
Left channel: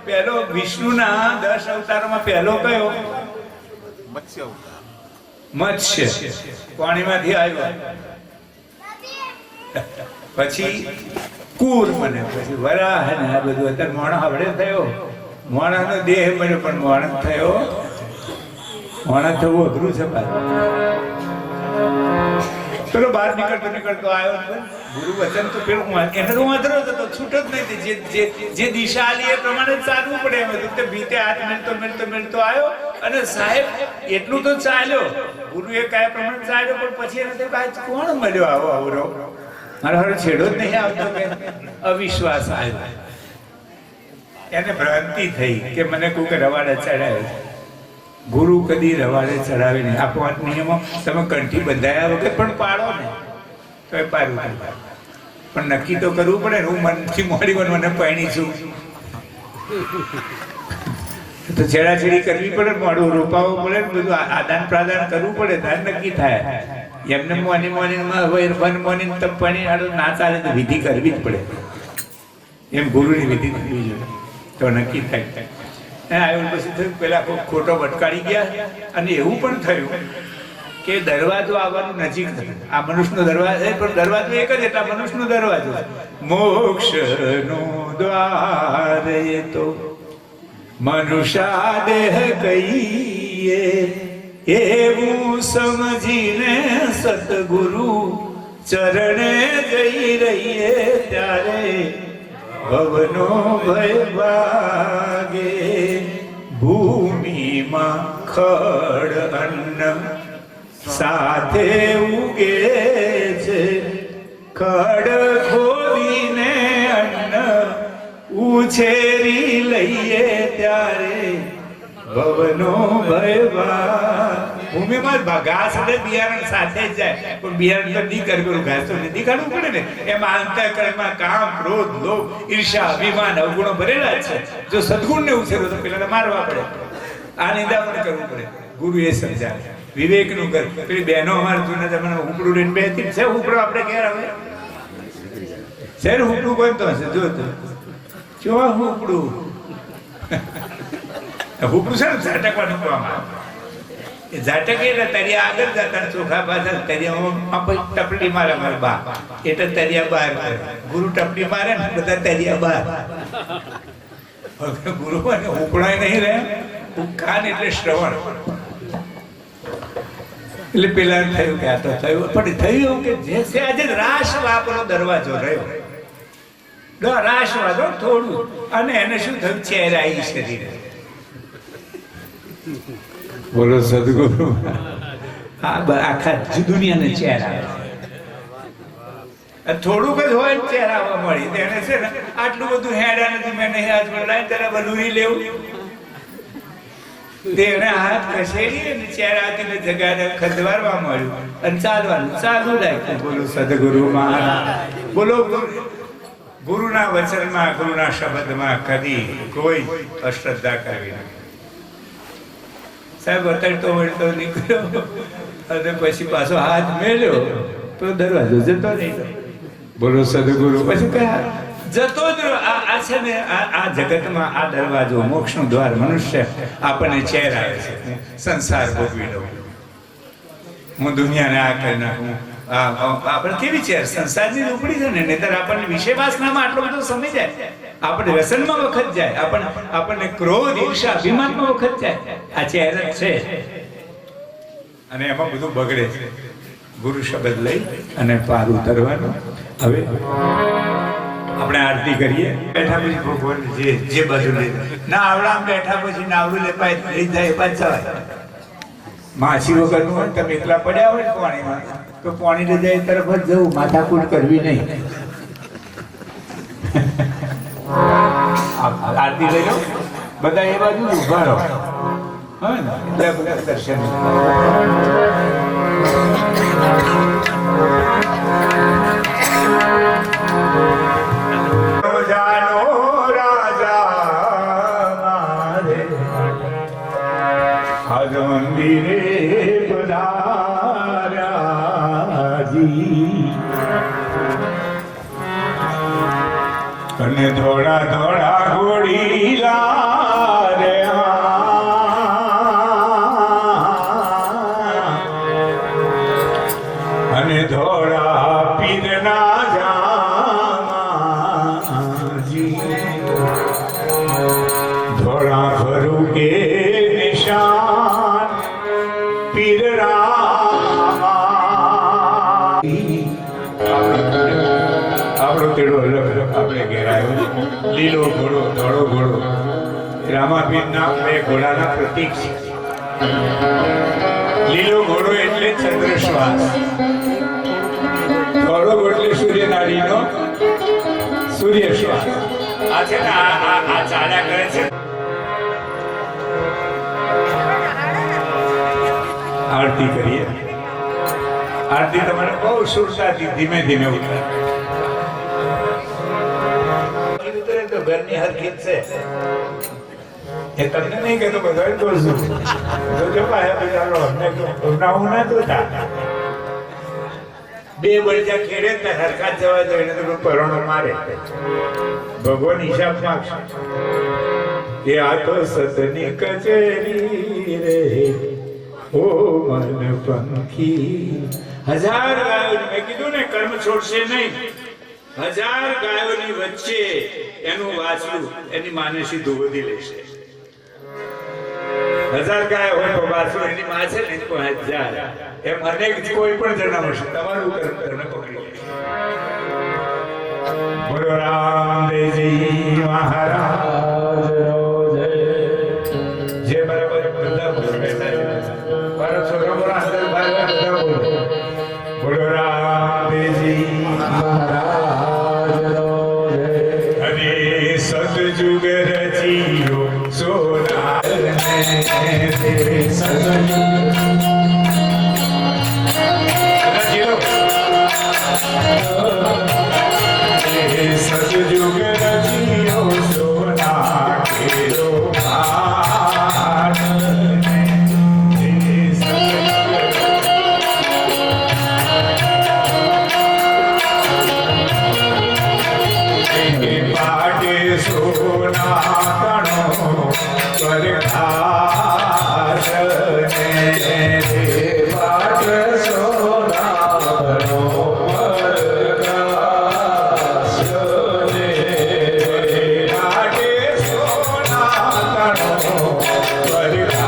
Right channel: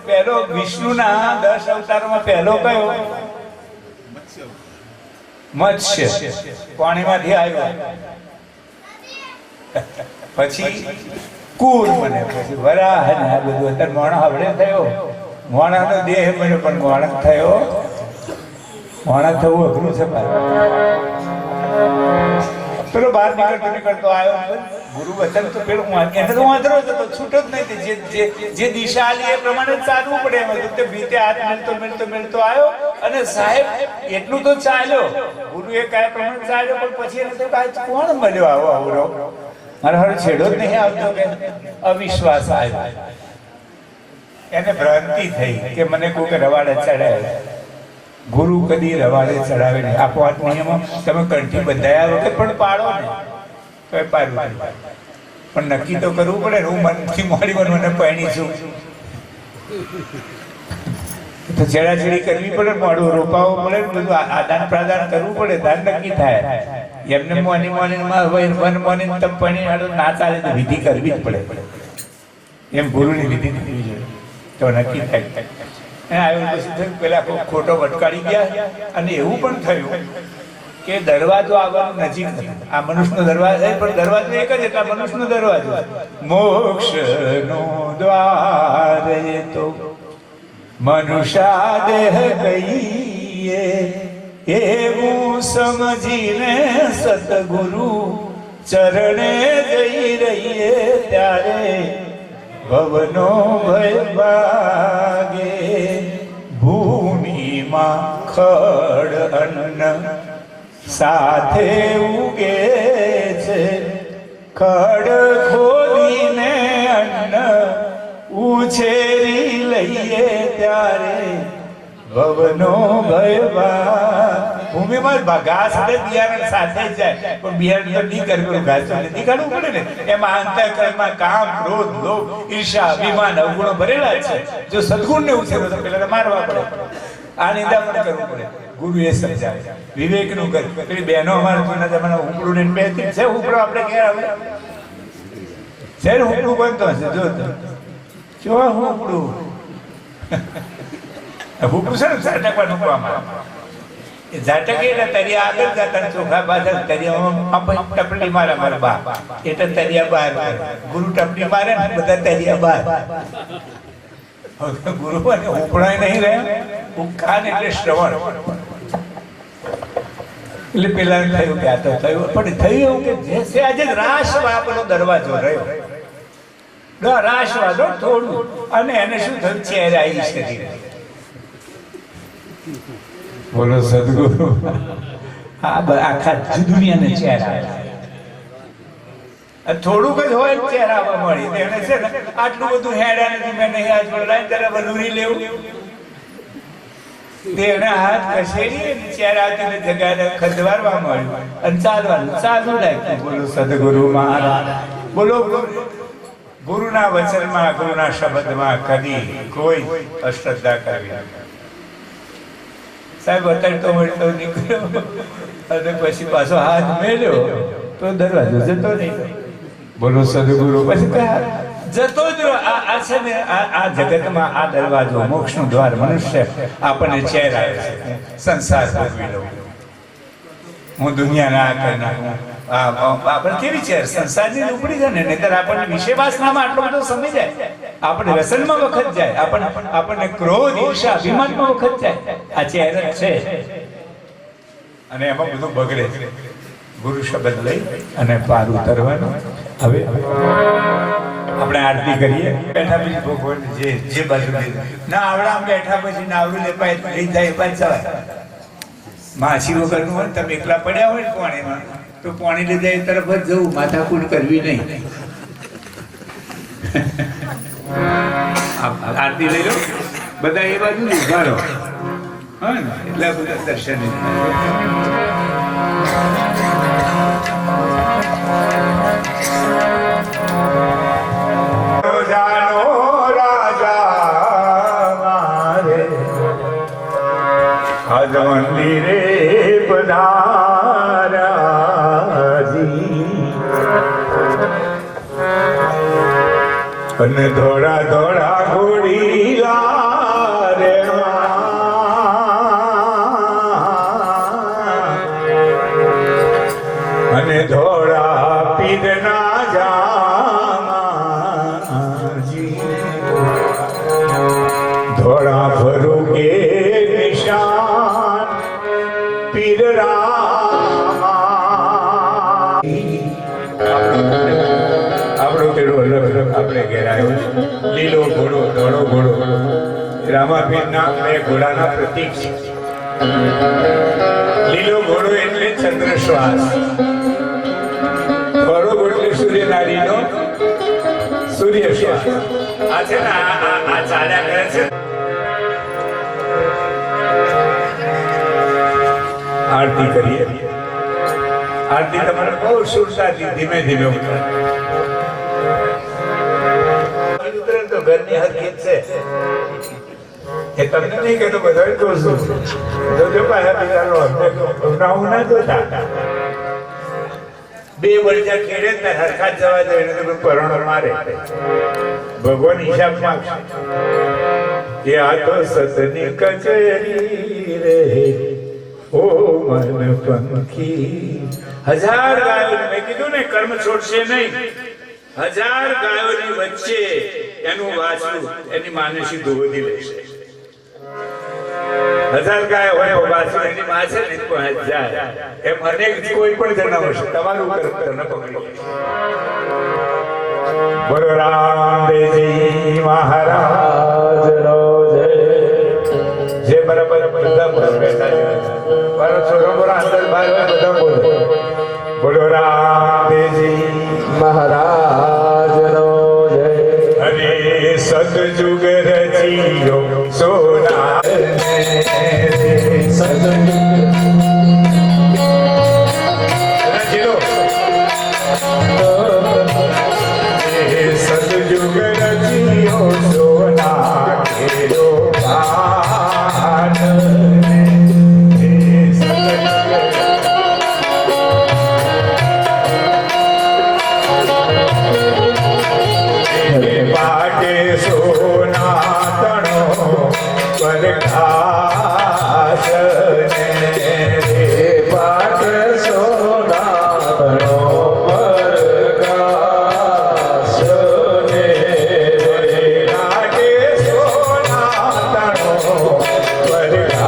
પહેલો વિષ્ણુના 10 અવતારોમાં પહેલો કયો? મત્સ્ય. પાણીમાંથી આવ્યો. પછી કુર મને, પછી વરાહ, ને આ બધું. અત્યારે મોણા હવડે થયો, મોણાનો દેહ બન્યો, પણ મોણા થયો, મોણા થવું અઘરું છે. પેલો બહાર નીકળતો આવ્યો ગુરુ વચન તો પેલું એને તો વાંધો હતો, છૂટો જ નહીં. જે દિશા આલી એ પ્રમાણે ચાલવું પડે એમ હતું. તો ભીતે હાથ મેળતો આવ્યો અને સાહેબ એટલું તો ચાલ્યો. ગુરુ એ કયા પ્રમાણે ચાલ્યો, પણ પછી એને તો કોણ મળ્યો આવો આવરો? મારા હારે છેડો જ નહીં આવતો કે અવિશ્વાસ આવ્યો. એને ભ્રાંતિ થઈ કે મને કોઈક રવાડે ચડાયો. ગુરુ કદી રવાડે ચડાવે નહીં. આ 5 નિયમો તમે કંઠી બંધાયા વગર પણ પાડો ને તો એ પાડવું પડે. પણ નક્કી તો કરવું પડે ને, હું મનથી મોડી મને પરણી છું તો છેડાછેડી કરવી પડે, મોડું રોપાવવું પડે, બધું આદાન પ્રદાન કરવું પડે, તાર નક્કી થાય. એમને મોની મોની તમ પાણી ના ચાલે તો વિધિ કરવી જ પડે. એમ ગુરુની વિધિ કરવી જોઈએ તો નક્કી થાય. આવ્યું પછી થયું પેલા ખોટો ભટકાડી ગયા અને એવું પણ થયું કે દરવાજો આવવાનું નજીક નથી. આ મનુષ્યનો દરવાજો છે પણ દરવાજો એક જ એટલે મનુષ્યનો દરવાજો મોક્ષનો દ્વાર એ તો મનુષ્યા દેહ કહીએ એવું સમજીને સતગુરુ ચરણે જઈ રહીએ ત્યારે ભવનો ભય ભાગે ભૂમિમાં ખડ અન્ન સાથે ઉગે છે. ખડ ખોલીને અન્ન ઉછેરી લઈએ ત્યારે ભવનો ભય ભાગે. ભૂમિમાં ઘાસ એટલે બિયારણ સાથે જ જાય પણ બિયારણ તો નહીં કર્યું, ઘાસ તો નથી કાઢવું પડે ને. એમાં અંતઃકરણમાં કામ, ક્રોધ, લોભ, ઈર્ષા, અભિમાન, અવગુણો ભરેલા છે. જો સદગુણને ઉછેરો તો પેલા મારવા પડે, આ નિંદામણ કરવું પડે. ગુરુ એ સમજાવે વિવેકનું કર. પેલી બહેનો અમારા જૂના જમાના ઉપડું ને બેથી છે ઉપડો આપણે ઘેર આવે શેર ઉપડું બનતો હશે જો જો હું ઉપડું ઉપડું છે ને ઝાટકવા મૂકવામાં ઝાટક એટલે તરિયા આગળ જતા ચોખા પાછળ તરિયામાં ટપલી મારે મારા બા એટલે તરિયા બહાર ગુરુ ટપલી મારે ને બધા તરિયા બહાર. ગુરુ અને ઉપડાય નહીં રહે કાન એટલે શ્રવણ. એટલે પેલા થયું કે આ તો થયું પણ થયું એવું કે જે છે આજે રાસવાપનો દરવાજો રહ્યો, રાસવાદો થોડું અને એને શું થયું ચહેરા આવી શરીર. બોલો સદગુરુ. આખા દુનિયાને ચહેરા થોડુંક જ હોય ચહેરા આવવા મળી એને છે ને આટલું બધું હેડા નથી મેં નહીં હાથ બોલાય ત્યારે બધું લેવું તેને હાથ ખસેડી ચહેરાથી જગાને ખદવારવા મળ્યું અને ચાલવાનું ચાલુ રાખ્યું. બોલો સદગુરુ મહારાજ. બોલો ગુરુના વચનમાં ગુરુના શબ્દમાં કદી કોઈ અશ્રદ્ધા કરવી નથી. સાહેબ વતનતો વળતો નીકળ્યો અને પછી પાછો હાથ મેળ્યો તો દરવાજો જતો નહીં. બોલો સદગુરુ. પછી કયા જતો જ આ છે ને આ જગતમાં આ દરવાજો મોક્ષનું દ્વાર મનુષ્ય આપણને ચહેરાવે છે. સંસાર ભોગવી લઉં, હું દુનિયાને આ કરી નાખું. આપણે કેવી છે સંસારની ઉપડી છે ને નહીતર આપણને વિષય વાસનામાં આટલો બધો સમય જાય, આપણે વ્યસનમાં વખત જાય, આપણને ક્રોધ, ઈર્ષા, અભિમાનમાં વખત જાય. આ ચહેરા છે અને એમાં બધું બગડે છે. ગુરુ શબ્દ લઈ અને પાર ઉતરવાનું. હવે આપણે આરતી કરીએ. બેઠા પછી ભગવાન જે બાજુ ના આવડા બેઠા પછી નાવડું લેપાય લઈ જાય પાછા માછી વગરનું હોય તમે એકલા પડ્યા હોય ને પાણીમાં તો પાણી લઈ જાય તરફ જ જવું, માથાકૂટ કરવી નહીં. આરતી લઈ લો બધા એ બાજુ ઉભા રહો એટલે બધા દર્શન. મંદિરે પધારાજી અને ધોળા ધોળા ઘોડીલા રે અને ધોળા પીરના જાજી ધોળા ભરું કે નિશાન પીર આપણો કેળો આપણે ઘેર આવ્યો. લીલો ઘોડો, ધોળો ઘોડો, રામાપીર ના બે ઘોડાના પ્રતીક છે. લીલો ઘોડો એટલે ચંદ્રશ્વાસ, ધોળો ઘોડો એટલે સૂર્યનારીનો સૂર્યશ્વાસ. આ છે ને આ ચાલ્યા કરે છે. આરતી કરીએ. આરતી તમારે બહુ સુરતાથી ધીમે ધીમે ઉતારે. તો ઘરની હકીકત છે એ તમને નહીં કહેતો, બધા કહું છું. જોજો ભાઈ ચાલો અમને હું ના જોતા. બે વરજા ખેડે ને હરખા જ જવા દે એને તો પરોણો મારે. ભગવાન હિસાબ માંગશે. એ આ તો સતની કચેરી રે ઓ મન પંખી. 1000 ગાયો મેં કીધું ને કર્મ છોડશે નહીં. 1000 ગાયોની વચ્ચે એનું વાછડું એની માનસી દોધી લેશે. 1000 ગાયો હોય વાછડું એની માં છે ને 1000 એમ અનેક કોઈ પણ જણાવો છે તમારું કર્મ બોલો રામદેવજી મહારાજ જે બરાબર બધા મારો છોકરો બોલો અંદર બહાર બધા બોલો બોલો રામદેવજી મહારાજ અને સતયુગ રચિયો સોના સતયુગ રચિયો સોના કેરો ભાન. પાકે સોના તણો પરખાશ પાકે સોના તણો પરખાશ પાકે સોના તણો પરખાશ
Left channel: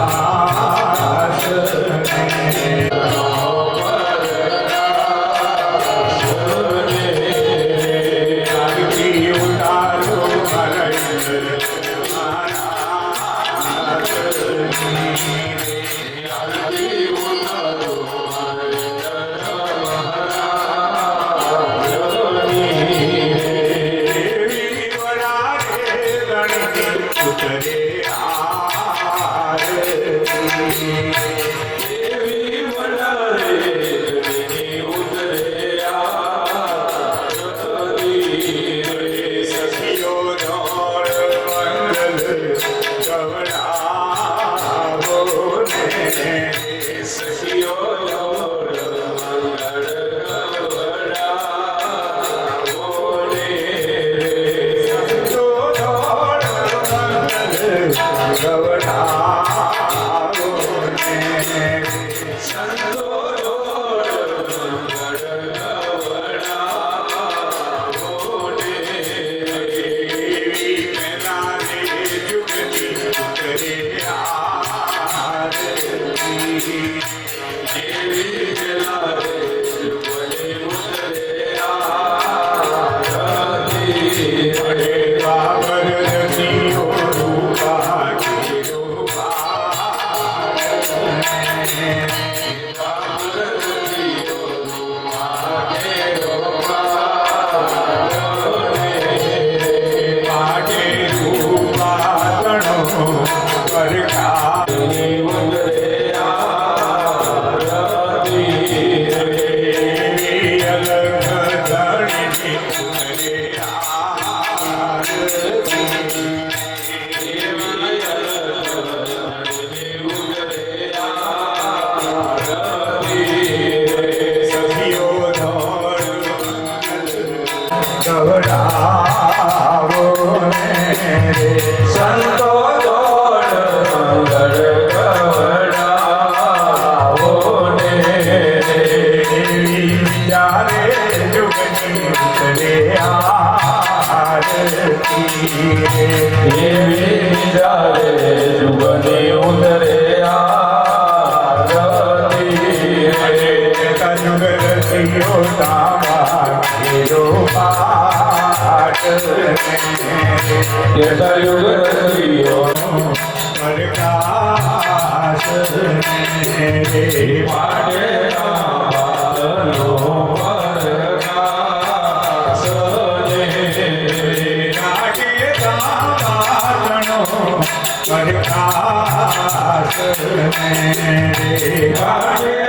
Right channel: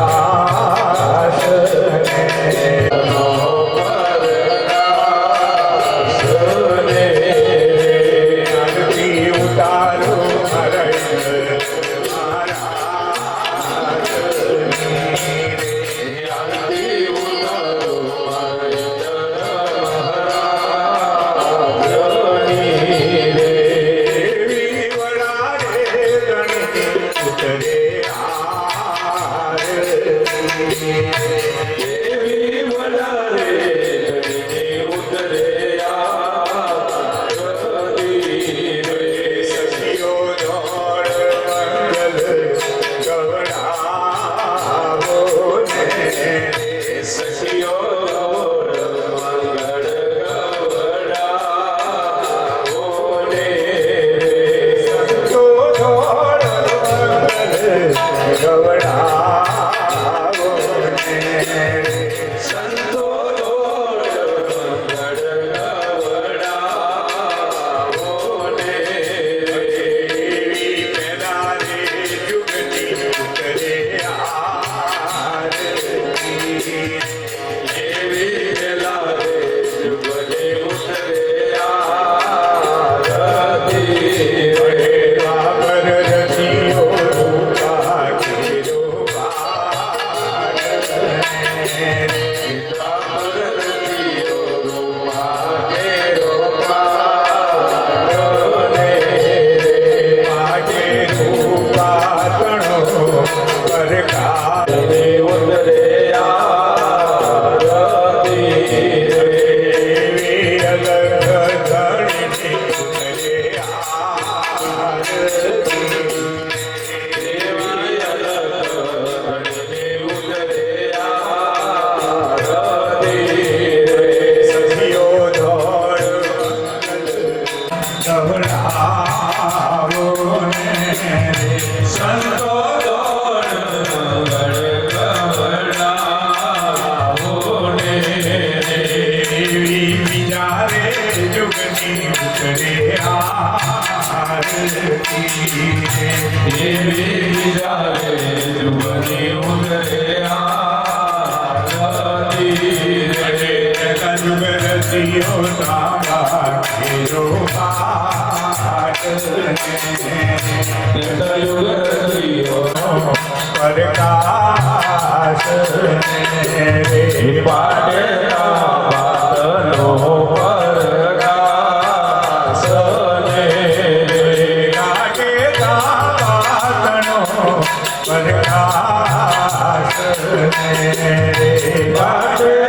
Hare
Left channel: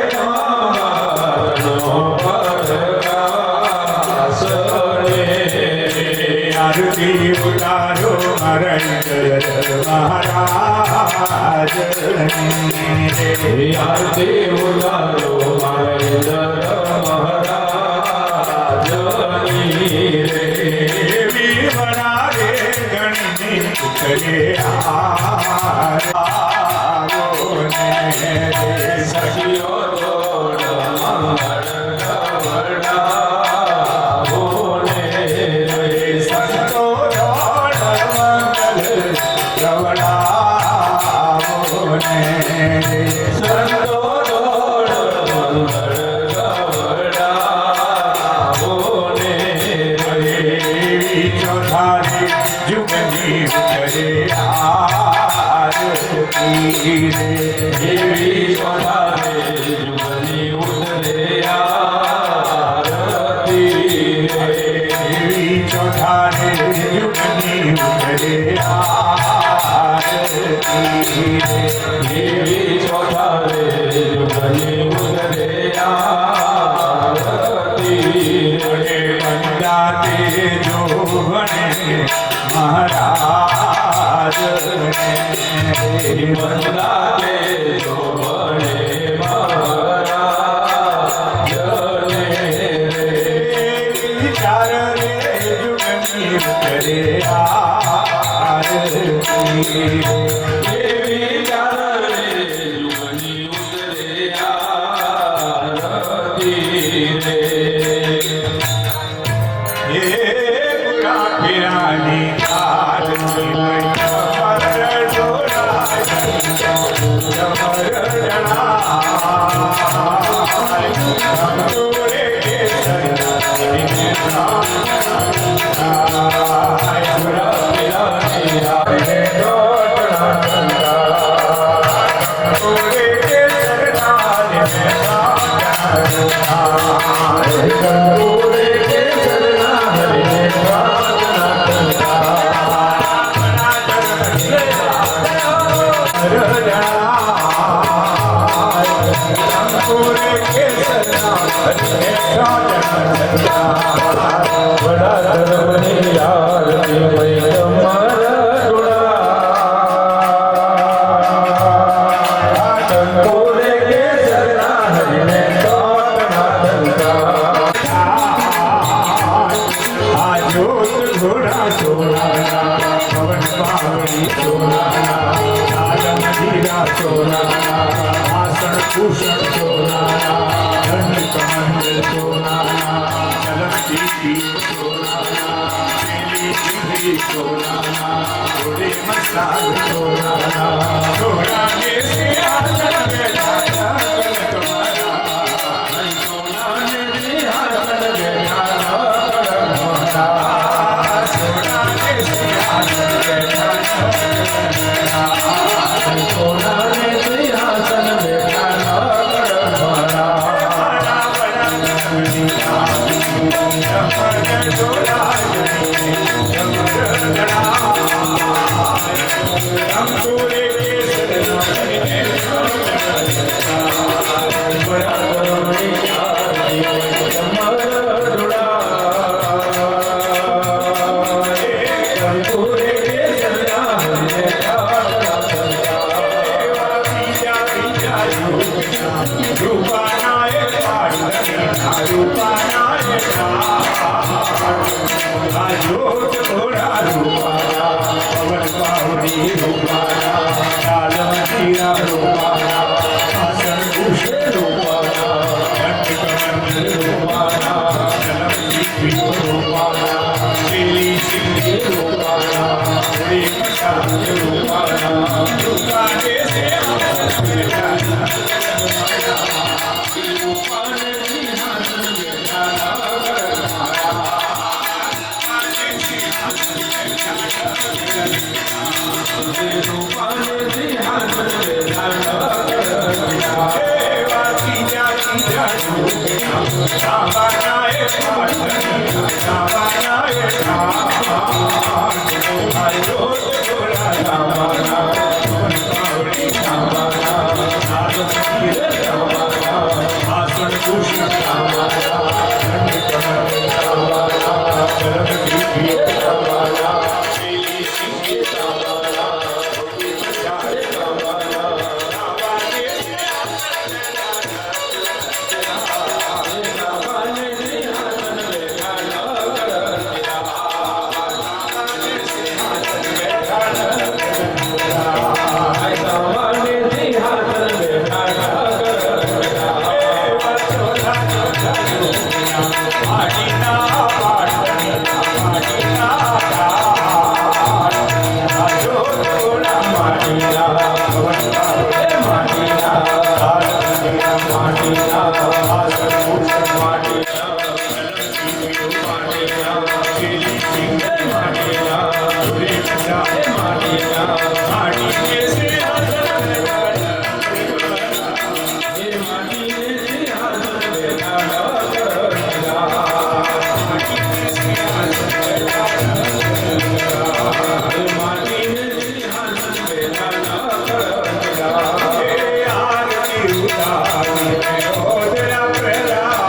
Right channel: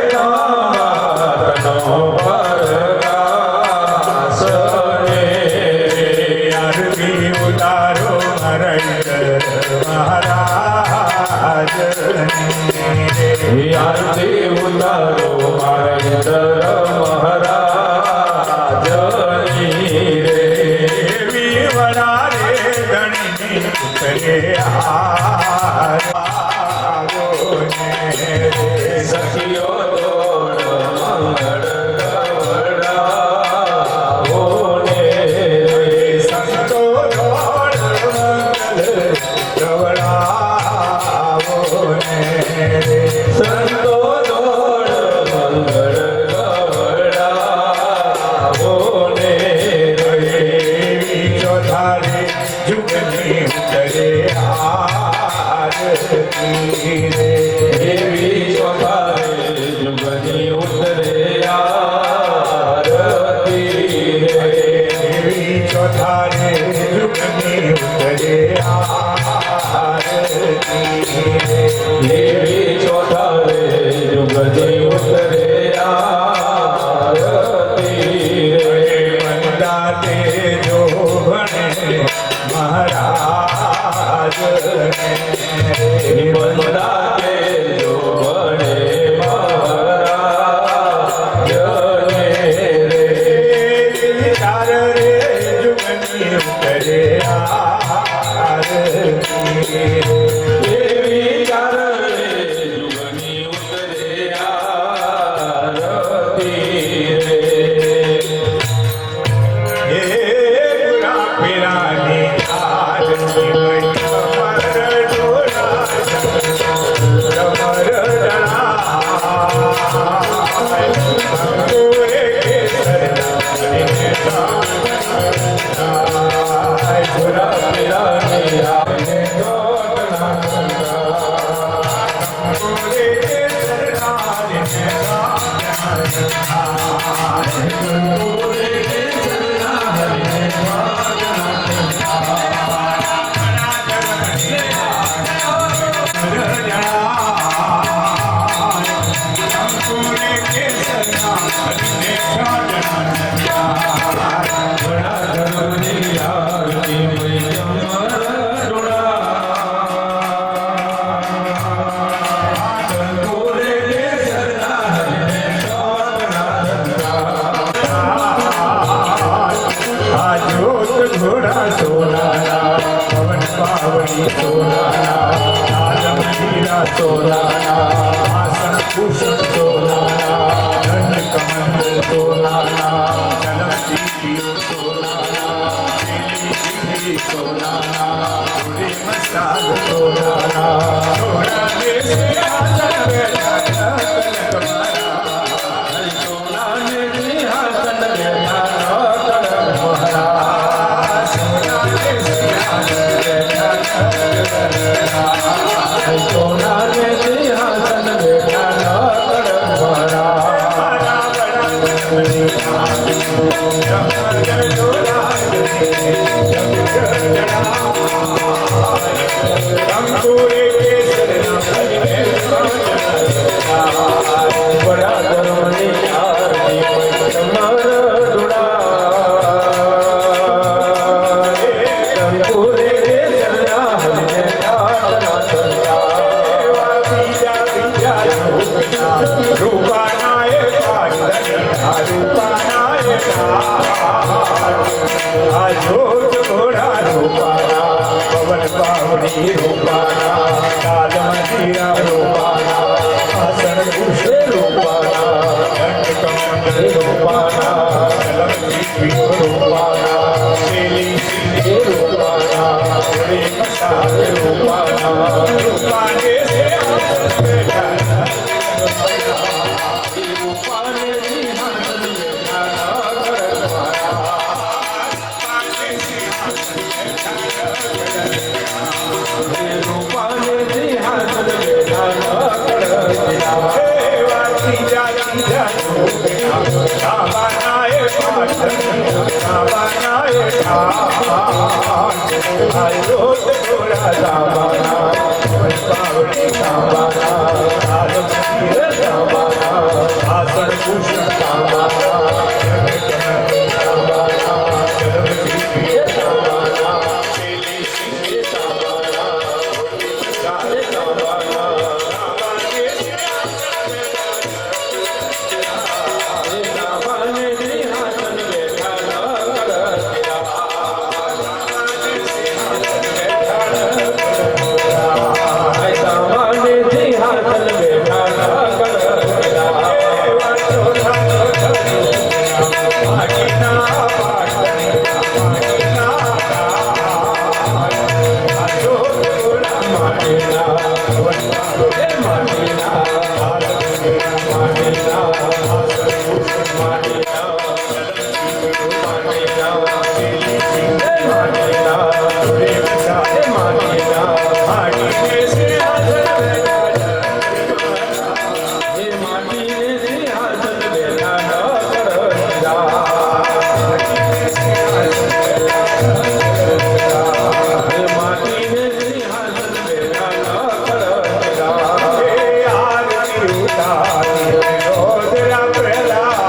પ્રહલાદ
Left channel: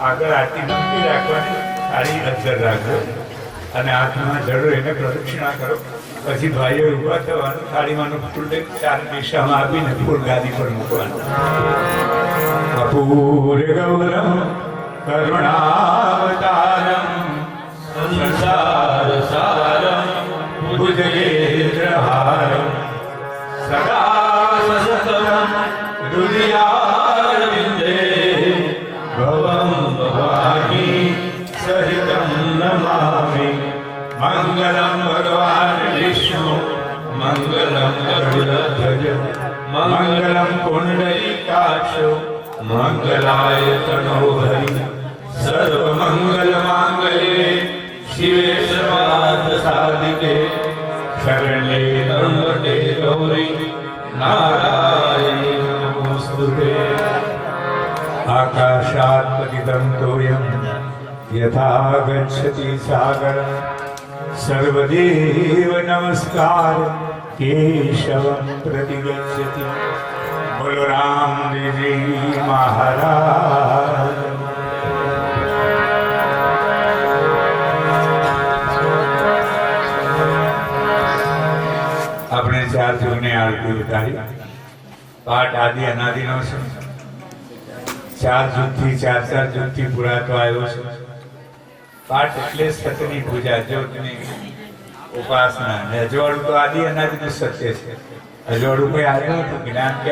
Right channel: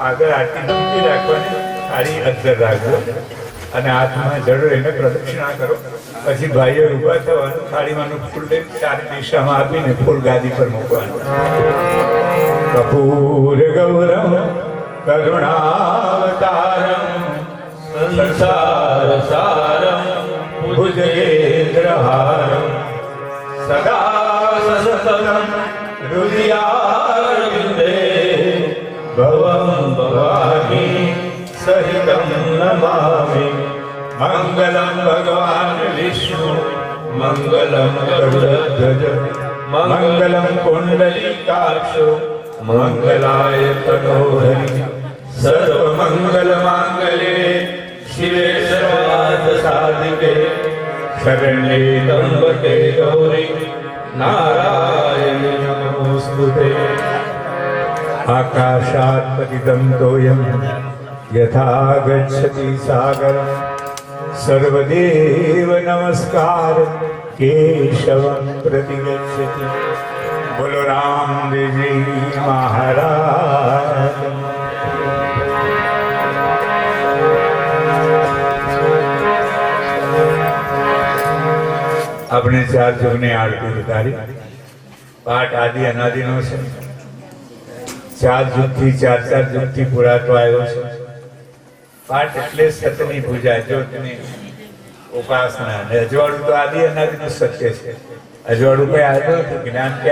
આગળ આરતી મૂકી રાખવાની, થાળી અંદર રાખજો અને હાથમાં જડો એને પ્રદક્ષિણા કરો. પછી ભાઈઓ ઉભા થવાનું, થાળીમાંનું ફૂલ લઈ ચાર દિશામાં આપીને ફૂલ ગાદી પર મૂકવાનું. કપૂર ગૌરમ કરુણાવતારમ સંસાર સારમ ભુજગેન્દ્રહારમ સદા સતતમ હૃદયારવિંદે ભવમ ભવામી સહિતમ નમામિ. મંગલમ ભગવાન વિષ્ણુ મંગલમ ગરુડધ્વજ મંગલમ પુંડરીકાક્ષ મંગલાય તનોહરિ સર્વમંગલ માંગલ્યે શિવે સર્વાર્થ સાધિકે શરણ્યે ત્રંબકે ગૌરી નારાયણી નમોસ્તુતે. આકાશાત પતિતં તોયં યથા ગચ્છતિ સાગર સર્વદેવ નમસ્કાર કેશવં પ્રતિગચ્છતિ. બોલો રામદેવજી મહારાજ. આપણે ચાર જૂની આરતી ઉતારી. પાઠ આદિ અનાદિનો છે. ચાર જૂથથી ચાર જૂથથી પુરાતો આવ્યો છે. પાઠ એટલે સતની પૂજા, જ્યોતની ઉપાસના. અજવાળું તો આદિ અનાદિનું સત્ય છે. અજવાળું કઈ આવ્યું નથી, જ્ઞાન